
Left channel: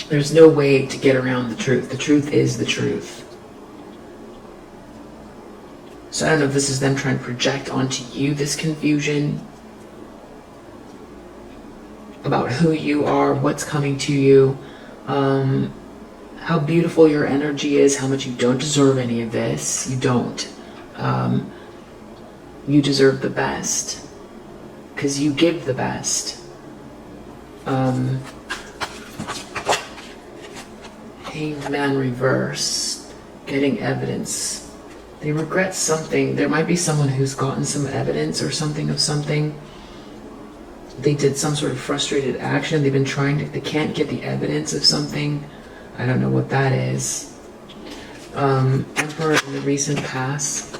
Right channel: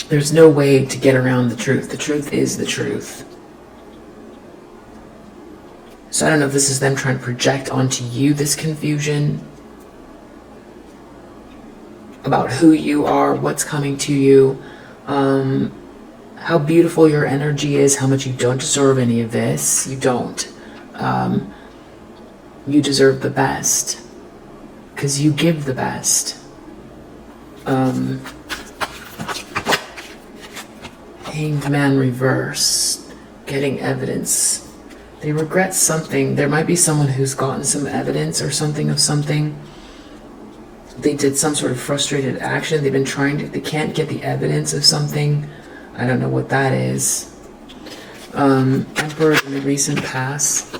there's no way to get around the truth. The truth is the truth. So I don't know if this is them trying to project onto you this confusion about who you are, what's coming to you, how beautiful your energy is, how much you don't deserve any of this. You don't. You deserve the best, because you give the best. Hanged Man reverse, getting evidence. They regret something. There might be someone who's gotten some evidence or something of something. They did some sort of frustrated action. They've been trying to, they can't get the evidence of something. I don't know what that is. Emperor in the recent past.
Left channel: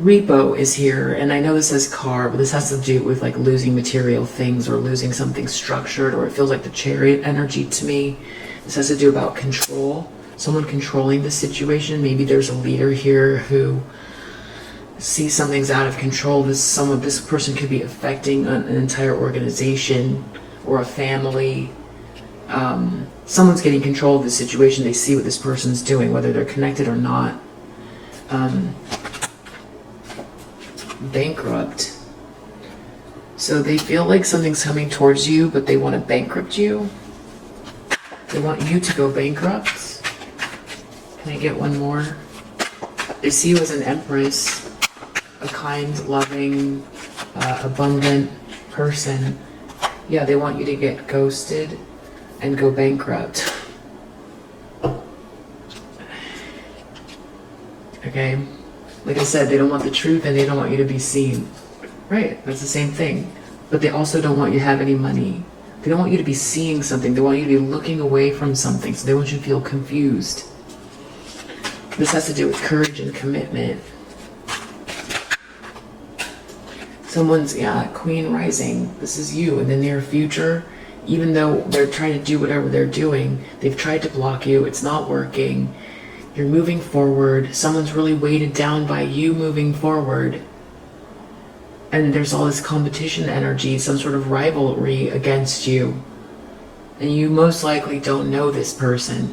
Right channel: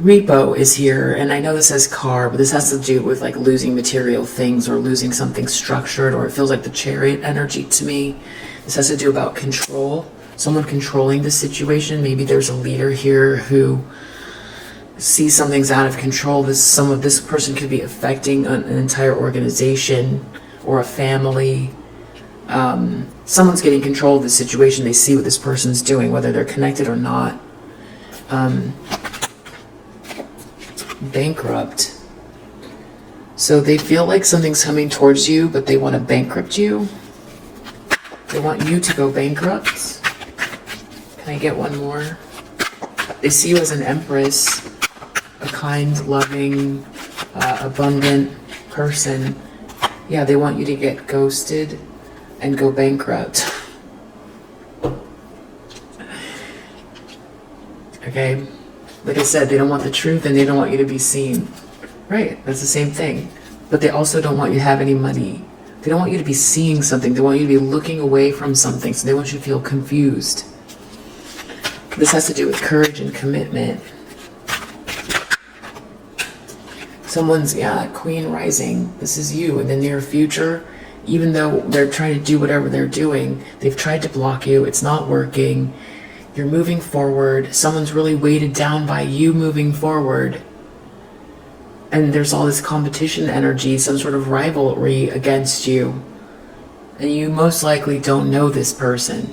Repo is here, and I know this says car, but this has to do with like losing material things or losing something structured, or it feels like the Chariot energy to me. This has to do about control. Someone controlling the situation. Maybe there's a leader here who see something's out of control. This person could be affecting an entire organization or a family. Someone's getting control of the situation. They see what this person's doing, whether they're connected or not. Bankrupt. So they feel like something's coming towards you, but they want to bankrupt you. They want you to go bankrupt. Can I get one more? They see you as an empress, a kind, loving, abundant person. Yeah, they want you to get ghosted and go bankrupt. Okay? Like I said, they don't want the truth and they don't want you to be seen. Right, that's the same thing. But they also don't want you to have any money. They don't want you to be seeing something. They want you to be looking away from something. So they want you to feel confused. This has to do with courage and commitment. Someone's, Queen rising. This is you in the near future. Even though they're trying to do whatever they're doing, they've tried to block you. It's not working. You're moving forward. Someone's really weighted down by you moving forward. And there's all this competition energy, some sort of rivalry against you. And you most likely don't know this person.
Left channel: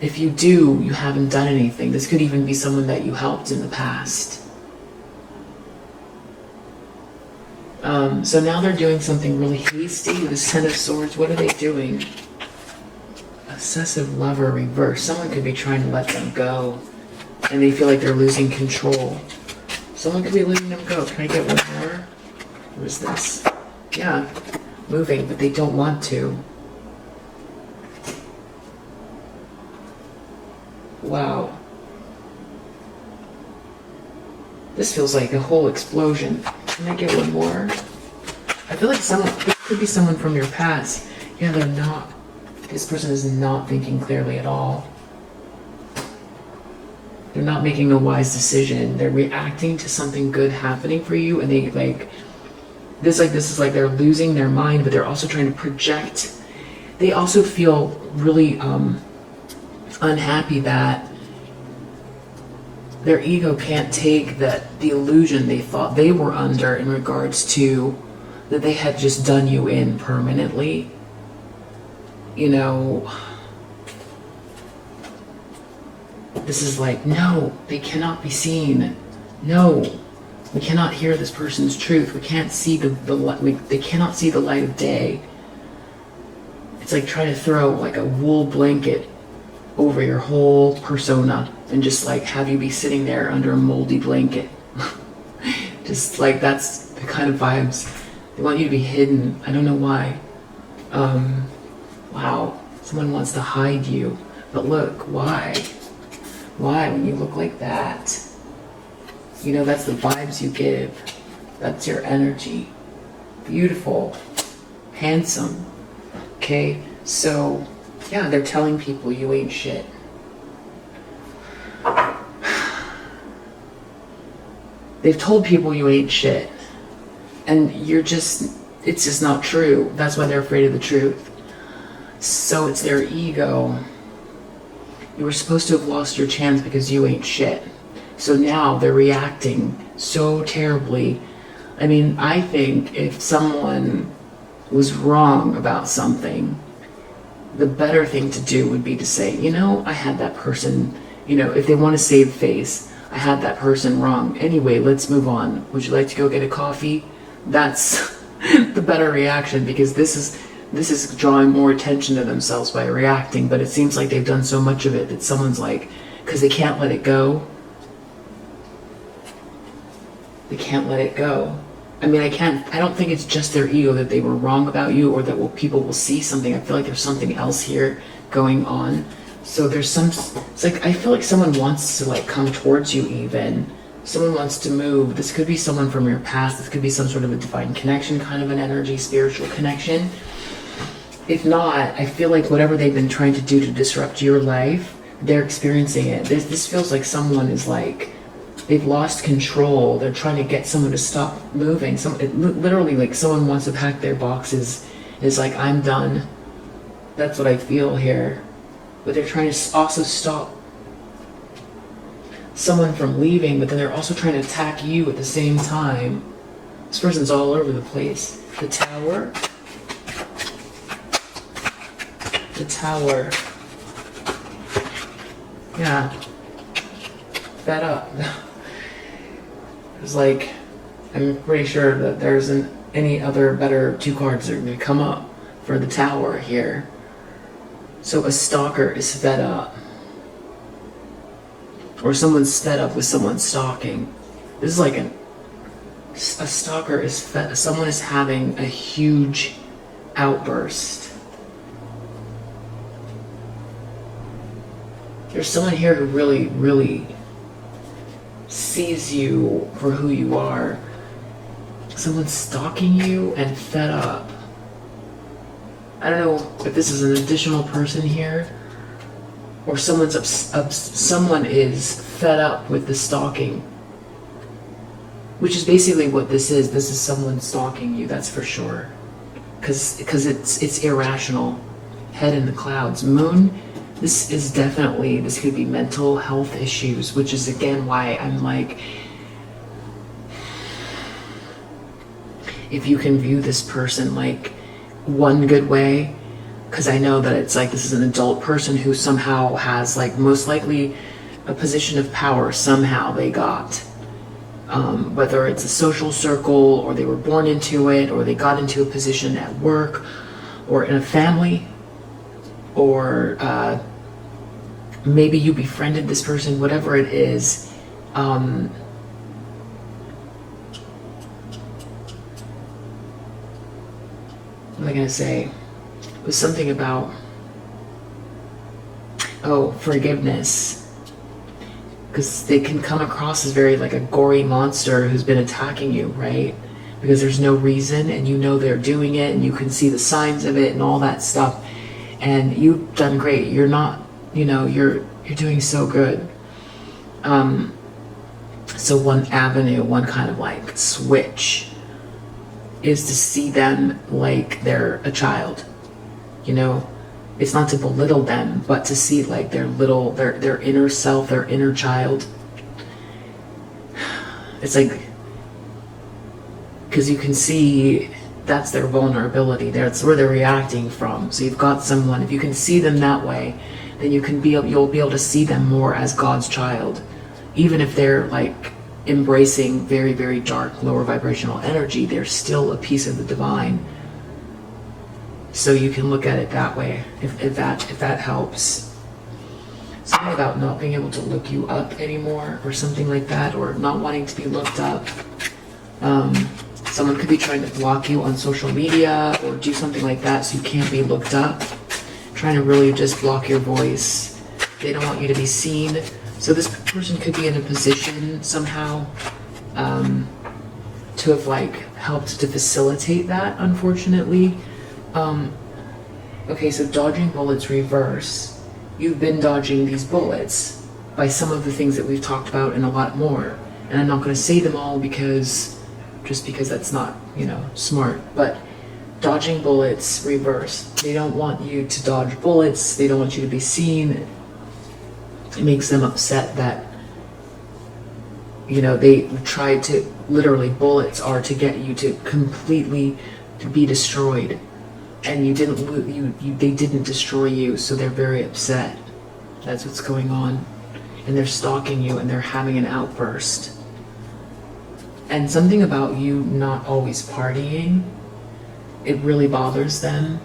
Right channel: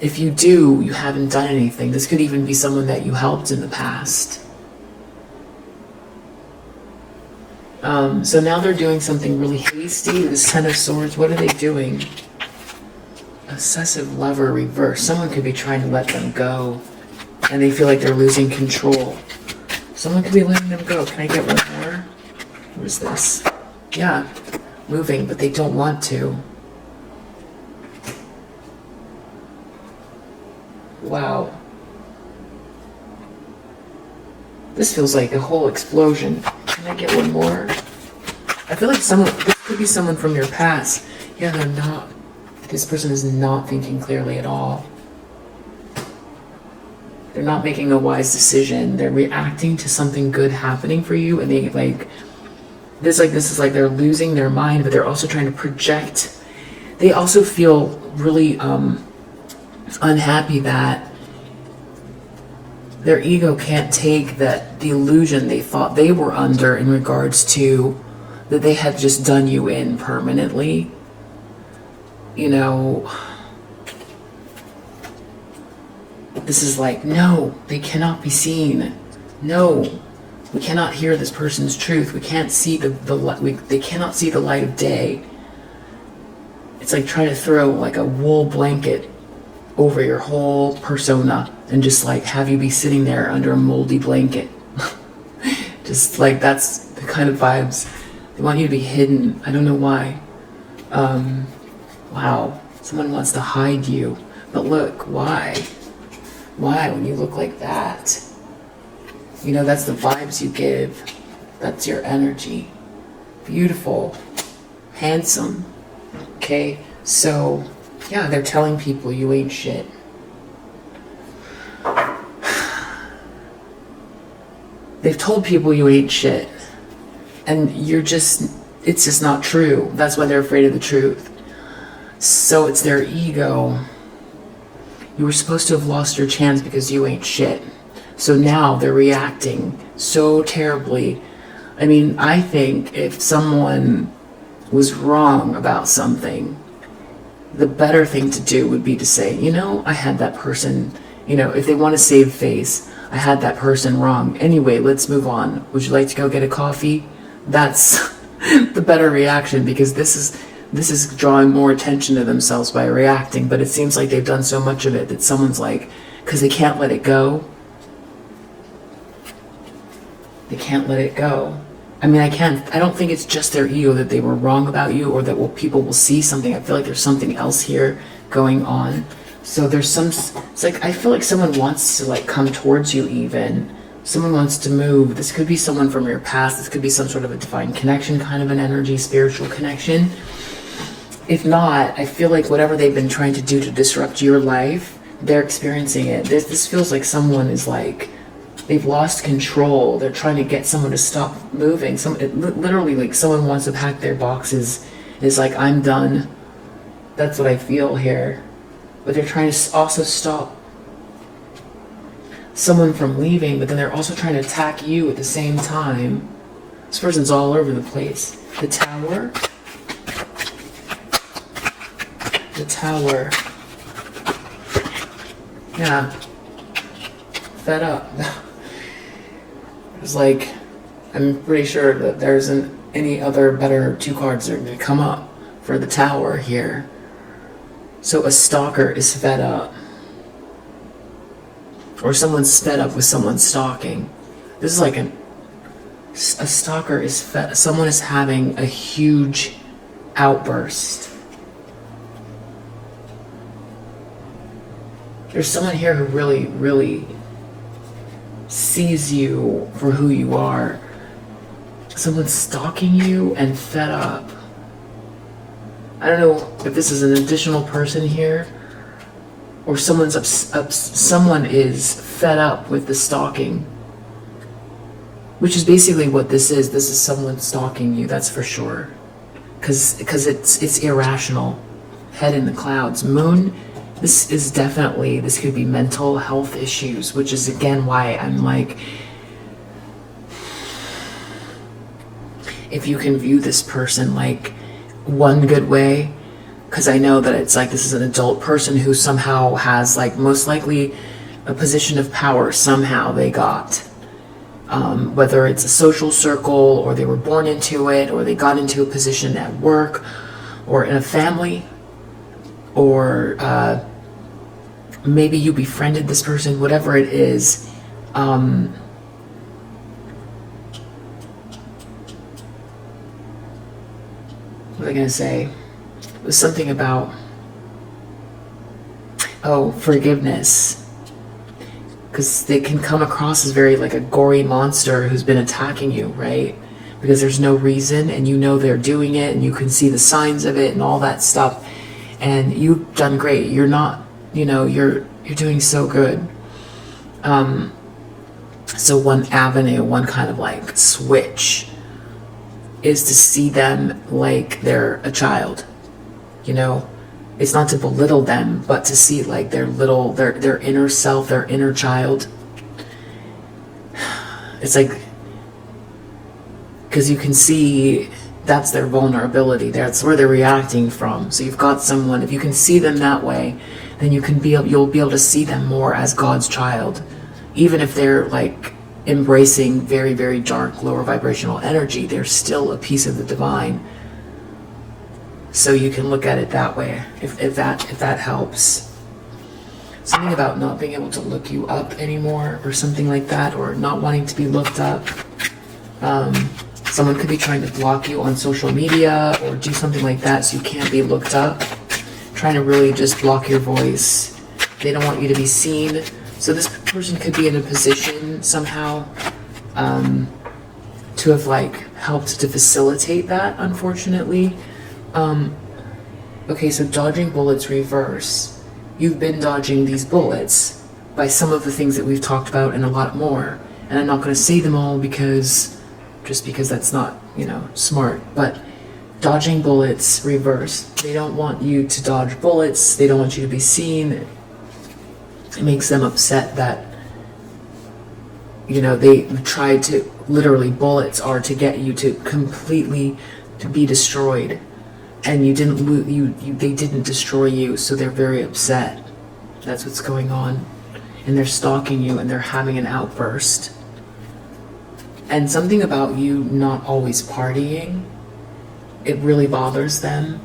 If you do, you haven't done anything. This could even be someone that you helped in the past. So now they're doing something really hasty. This Ten of Swords, what are they doing? Obsessive lover reverse. Someone could be trying to let them go, and they feel like they're losing control. Someone could be letting them go. Can I get one more? What is this? Yeah, moving, but they don't want to. Wow. This feels like a whole explosion. Can I get one more? I feel like this could be someone from your past. Yeah, they're not. This person is not thinking clearly at all. They're not making a wise decision. They're reacting to something good happening for you, and this is like they're losing their mind, but they're also trying to project. They also feel really unhappy that their ego can't take the illusion they thought they were under in regards to that they had just done you in permanently. You know, this is like, no, they cannot be seen. No, we cannot hear this person's truth. We can't see the light. They cannot see the light of day. It's like trying to throw like a wool blanket over your whole persona and just like have you be sitting there under a moldy blanket. Just like that's the kind of vibes. They want you to be hidden. I don't know why. Wow. Someone wants to hide you. But look, why? Why when you look like that? You know, that's the vibes you give. That's your energy. Beautiful. Handsome. Okay? So, yeah, they're telling people you ain't shit. They've told people you ain't shit. And it's just not true. That's why they're afraid of the truth. So it's their ego. You were supposed to have lost your chance because you ain't shit. So now they're reacting so terribly. I mean, I think if someone was wrong about something, the better thing to do would be to say, you know, I had that person, you know, if they want to save face, I had that person wrong. Anyway, let's move on. Would you like to go get a coffee? That's the better reaction, because this is drawing more attention to themselves by reacting. But it seems like they've done so much of it that someone's like, because they can't let it go. They can't let it go. I mean, I don't think it's just their ego that they were wrong about you, or that people will see something. I feel like there's something else here going on. So there's it's like, I feel like someone wants to like come towards you even. Someone wants to move. This could be someone from your past. This could be some sort of a divine connection, kind of an energy, spiritual connection. If not, I feel like whatever they've been trying to do to disrupt your life, they're experiencing it. This feels like someone is like, they've lost control. They're trying to get someone to stop moving. Literally, like someone wants to pack their boxes and is like, I'm done. That's what I feel here. But they're trying to also stop someone from leaving, but then they're also trying to attack you at the same time. This person's all over the place. The Tower. The Tower. Yeah. Fed up. It's like, I'm pretty sure that there isn't any other better two cards that are going to come up for the Tower here. So a stalker is fed up. Or someone's fed up with someone stalking. This is like a stalker is fed. Someone is having a huge outburst. There's someone here who really, really sees you for who you are. Someone's stalking you and fed up. I don't know if this is an additional person here, or someone is fed up with the stalking, which is basically what this is. This is someone stalking you, that's for sure, because it's irrational. Head in the clouds. Moon. This could be mental health issues, which is again why I'm like, if you can view this person like one good way, because I know that it's like this is an adult person who somehow has like most likely a position of power somehow they got, whether it's a social circle, or they were born into it, or they got into a position at work or in a family, or maybe you befriended this person, whatever it is. What was I going to say? It was something about, forgiveness. Because they can come across as very like a gory monster who's been attacking you, right? Because there's no reason, and you know they're doing it, and you can see the signs of it and all that stuff. And you've done great. You're not, you're doing so good. So one avenue, one kind of like switch is to see them like they're a child. It's not to belittle them, but to see like their inner self, their inner child. It's like, because you can see that's their vulnerability. That's where they're reacting from. So you've got someone, if you can see them that way, then you'll be able to see them more as God's child. Even if they're like embracing very, very dark, lower vibrational energy, they're still a piece of the divine. So you can look at it that way, if that helps. Something about not being able to look you up anymore, or something like that, or not wanting to be looked up. Someone could be trying to block you on social media or do something like that so you can't be looked up. Trying to really just block your voice. They don't want you to be seen. So this person could be in a position somehow to have like helped to facilitate that, unfortunately. Okay, so dodging bullets reverse. You've been dodging these bullets by some of the things that we've talked about and a lot more. And I'm not going to say them all because that's not, smart. But dodging bullets reverse. They don't want you to dodge bullets. They don't want you to be seen. It makes them upset that, they tried to, literally bullets are to get you to completely to be destroyed. And they didn't destroy you, so they're very upset. That's what's going on. And they're stalking you and they're having an outburst. And something about you not always partying, it really bothers them.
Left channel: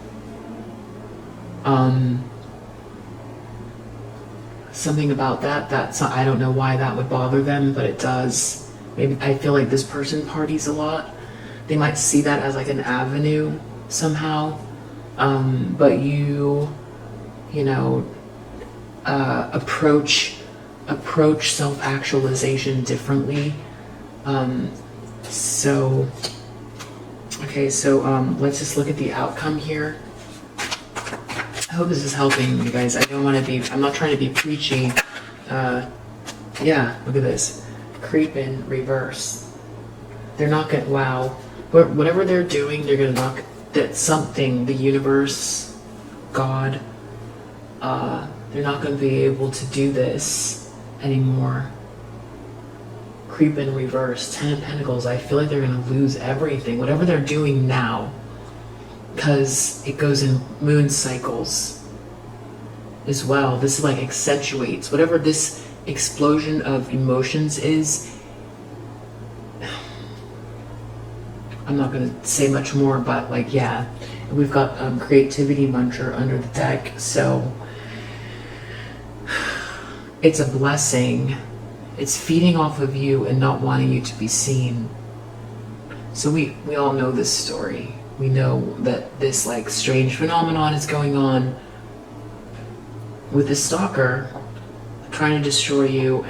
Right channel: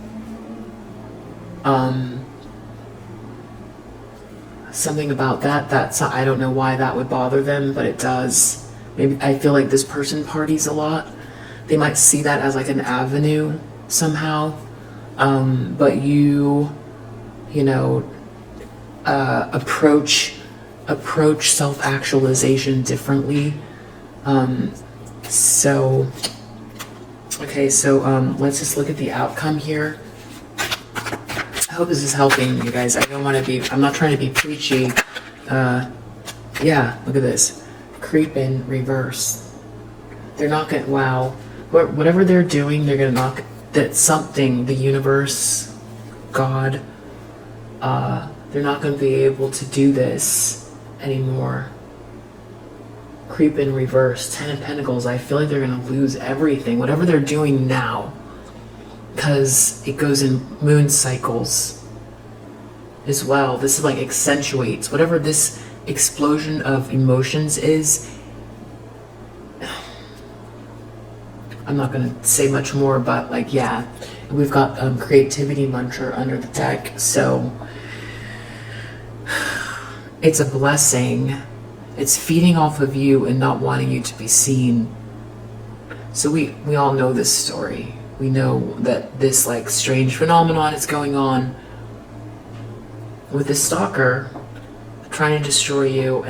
Something about that's, I don't know why that would bother them, but it does. Maybe I feel like this person parties a lot. They might see that as like an avenue somehow. But approach self-actualization differently. So let's just look at the outcome here. I hope this is helping you guys. I'm not trying to be preachy. Yeah, look at this. Creep in reverse. They're not gonna, wow. Whatever they're doing, they're gonna knock, that's something, the universe, God, they're not gonna be able to do this anymore. Creep in reverse, 10 of Pentacles. I feel like they're gonna lose everything, whatever they're doing now, because it goes in moon cycles as well. This like accentuates whatever this explosion of emotions is. I'm not gonna say much more, but like, yeah. And we've got creativity muncher under the deck, so it's a blessing. It's feeding off of you and not wanting you to be seen. So we all know this story. We know that this like strange phenomenon is going on with this stalker trying to destroy you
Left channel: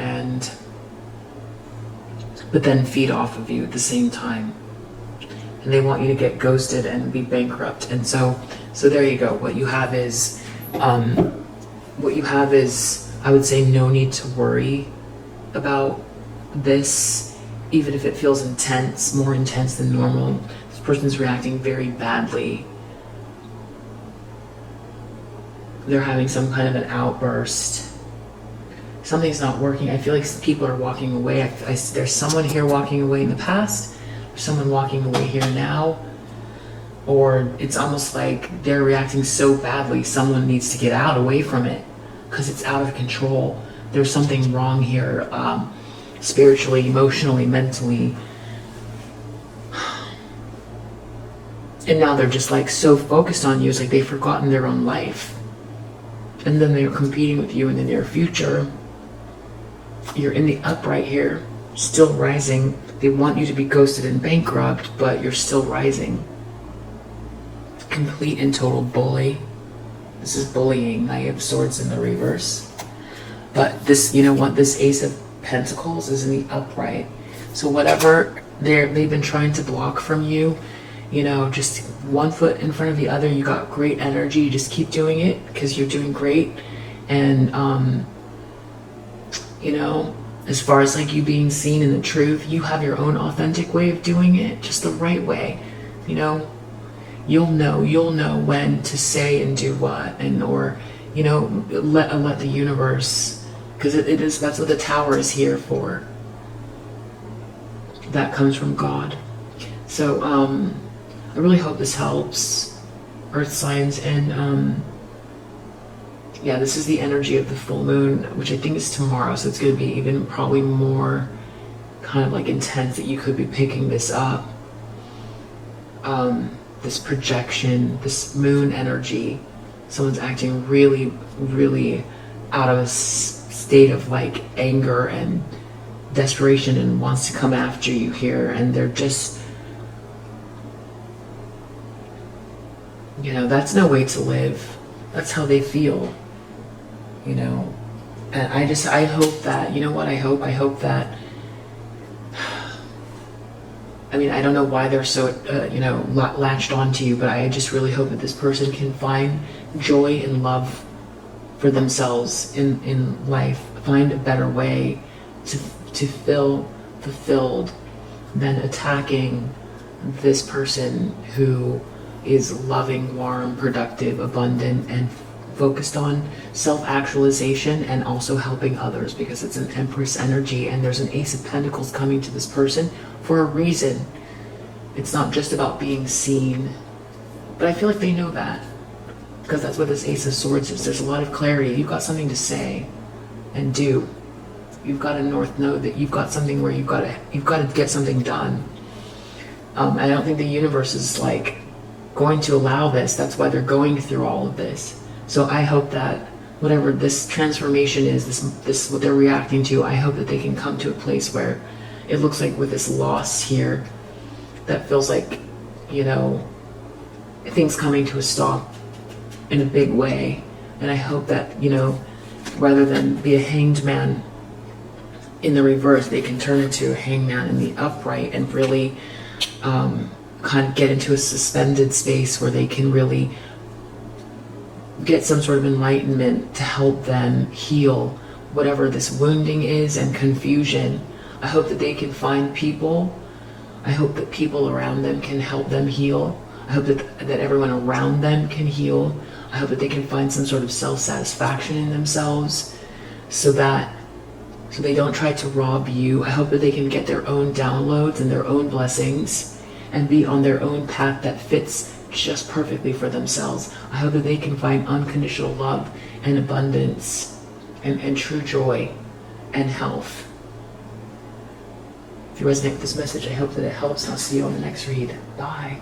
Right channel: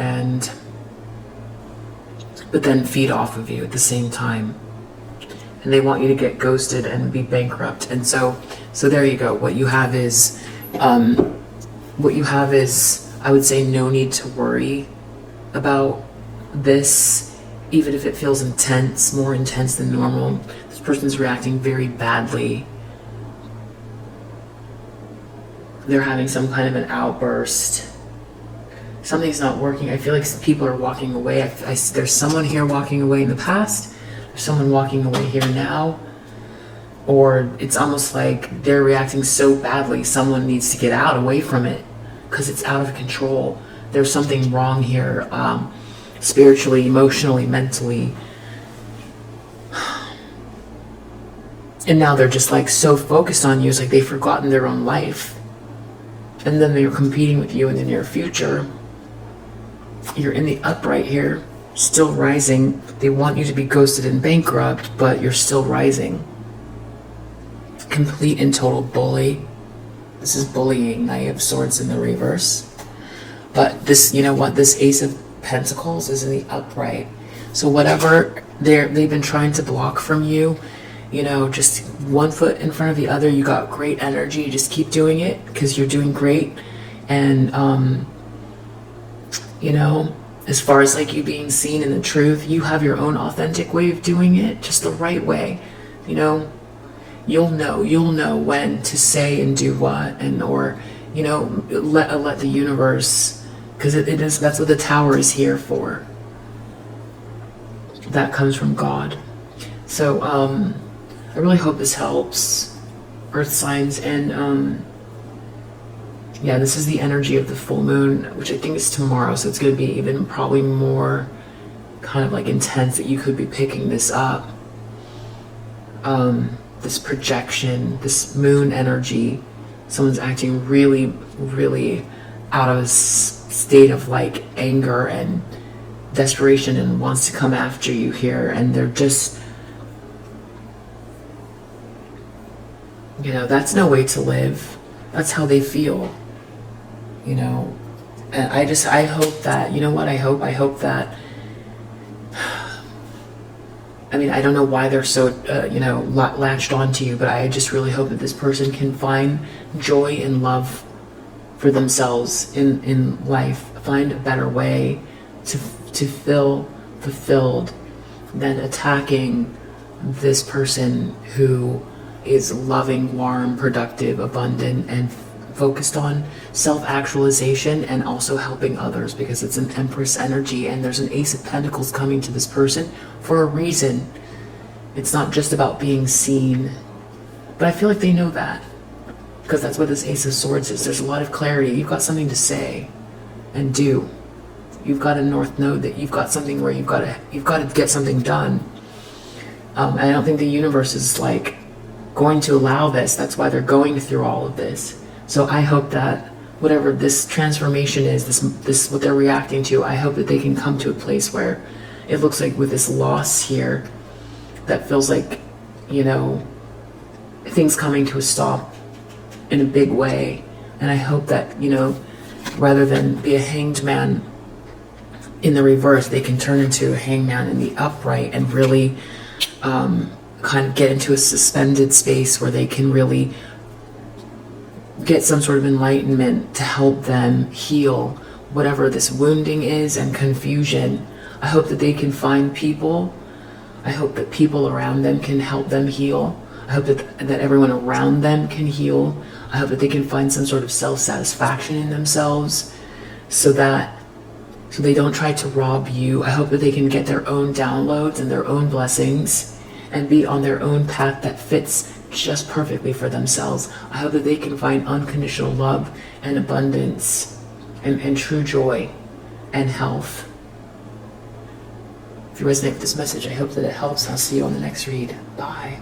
but then feed off of you at the same time. And they want you to get ghosted and be bankrupt. And so there you go. What you have is, I would say, no need to worry about this, even if it feels intense, more intense than normal. This person's reacting very badly. They're having some kind of an outburst. Something's not working. I feel like people are walking away. There's someone here walking away in the past. There's someone walking away here now. Or it's almost like they're reacting so badly, someone needs to get away from it because it's out of control. There's something wrong here, spiritually, emotionally, mentally. And now they're just like so focused on you. It's like they've forgotten their own life. And then they're competing with you in the near future. You're in the upright here, still rising. They want you to be ghosted and bankrupt, but you're still rising. Complete and total bully. This is bullying. Knight of Swords in the reverse. But this, you know what? This Ace of Pentacles is in the upright. So whatever they've been trying to block from you, just one foot in front of the other. You got great energy. Just keep doing it because you're doing great. And, as far as like you being seen in the truth, you have your own authentic way of doing it, just the right way. You'll know when to say and do what, let the universe, because that's what the Tower is here for. That comes from God. So I really hope this helps, Earth signs. And yeah, this is the energy of the full moon, which I think is tomorrow, so it's going to be even probably more kind of like intense that you could be picking this up. This projection, this moon energy, someone's acting really, really out of a state of like anger and desperation and wants to come after you here, and they're just, you know, that's no way to live. That's how they feel, you know. And I hope that, you know what I hope that, I mean, I don't know why they're so, you know, latched onto you, but I just really hope that this person can find joy and love for themselves in life, find a better way to feel fulfilled than attacking this person who is loving, warm, productive, abundant, and focused on self-actualization and also helping others, because it's an Empress energy and there's an Ace of Pentacles coming to this person for a reason. It's not just about being seen, but I feel like they know that, because that's what this Ace of Swords is. There's a lot of clarity. You've got something to say and do. You've got a North Node that you've got something where you've got to get something done. And I don't think the universe is like going to allow this. That's why they're going through all of this. So I hope that whatever this transformation is, this what they're reacting to, I hope that they can come to a place where it looks like with this loss here, that feels like, you know, things coming to a stop in a big way. And I hope that, you know, rather than be a hanged man in the reverse, they can turn into a hangman in the upright and really kind of get into a suspended space where they can really get some sort of enlightenment to help them heal whatever this wounding is and confusion. I hope that they can find people. I hope that people around them can help them heal. I hope that everyone around them can heal. I hope that they can find some sort of self-satisfaction in themselves so they don't try to rob you. I hope that they can get their own downloads and their own blessings and be on their own path that fits just perfectly for themselves. I hope that they can find unconditional love and abundance and true joy and health. If you resonate with this message, I hope that it helps. I'll see you on the next read. Bye.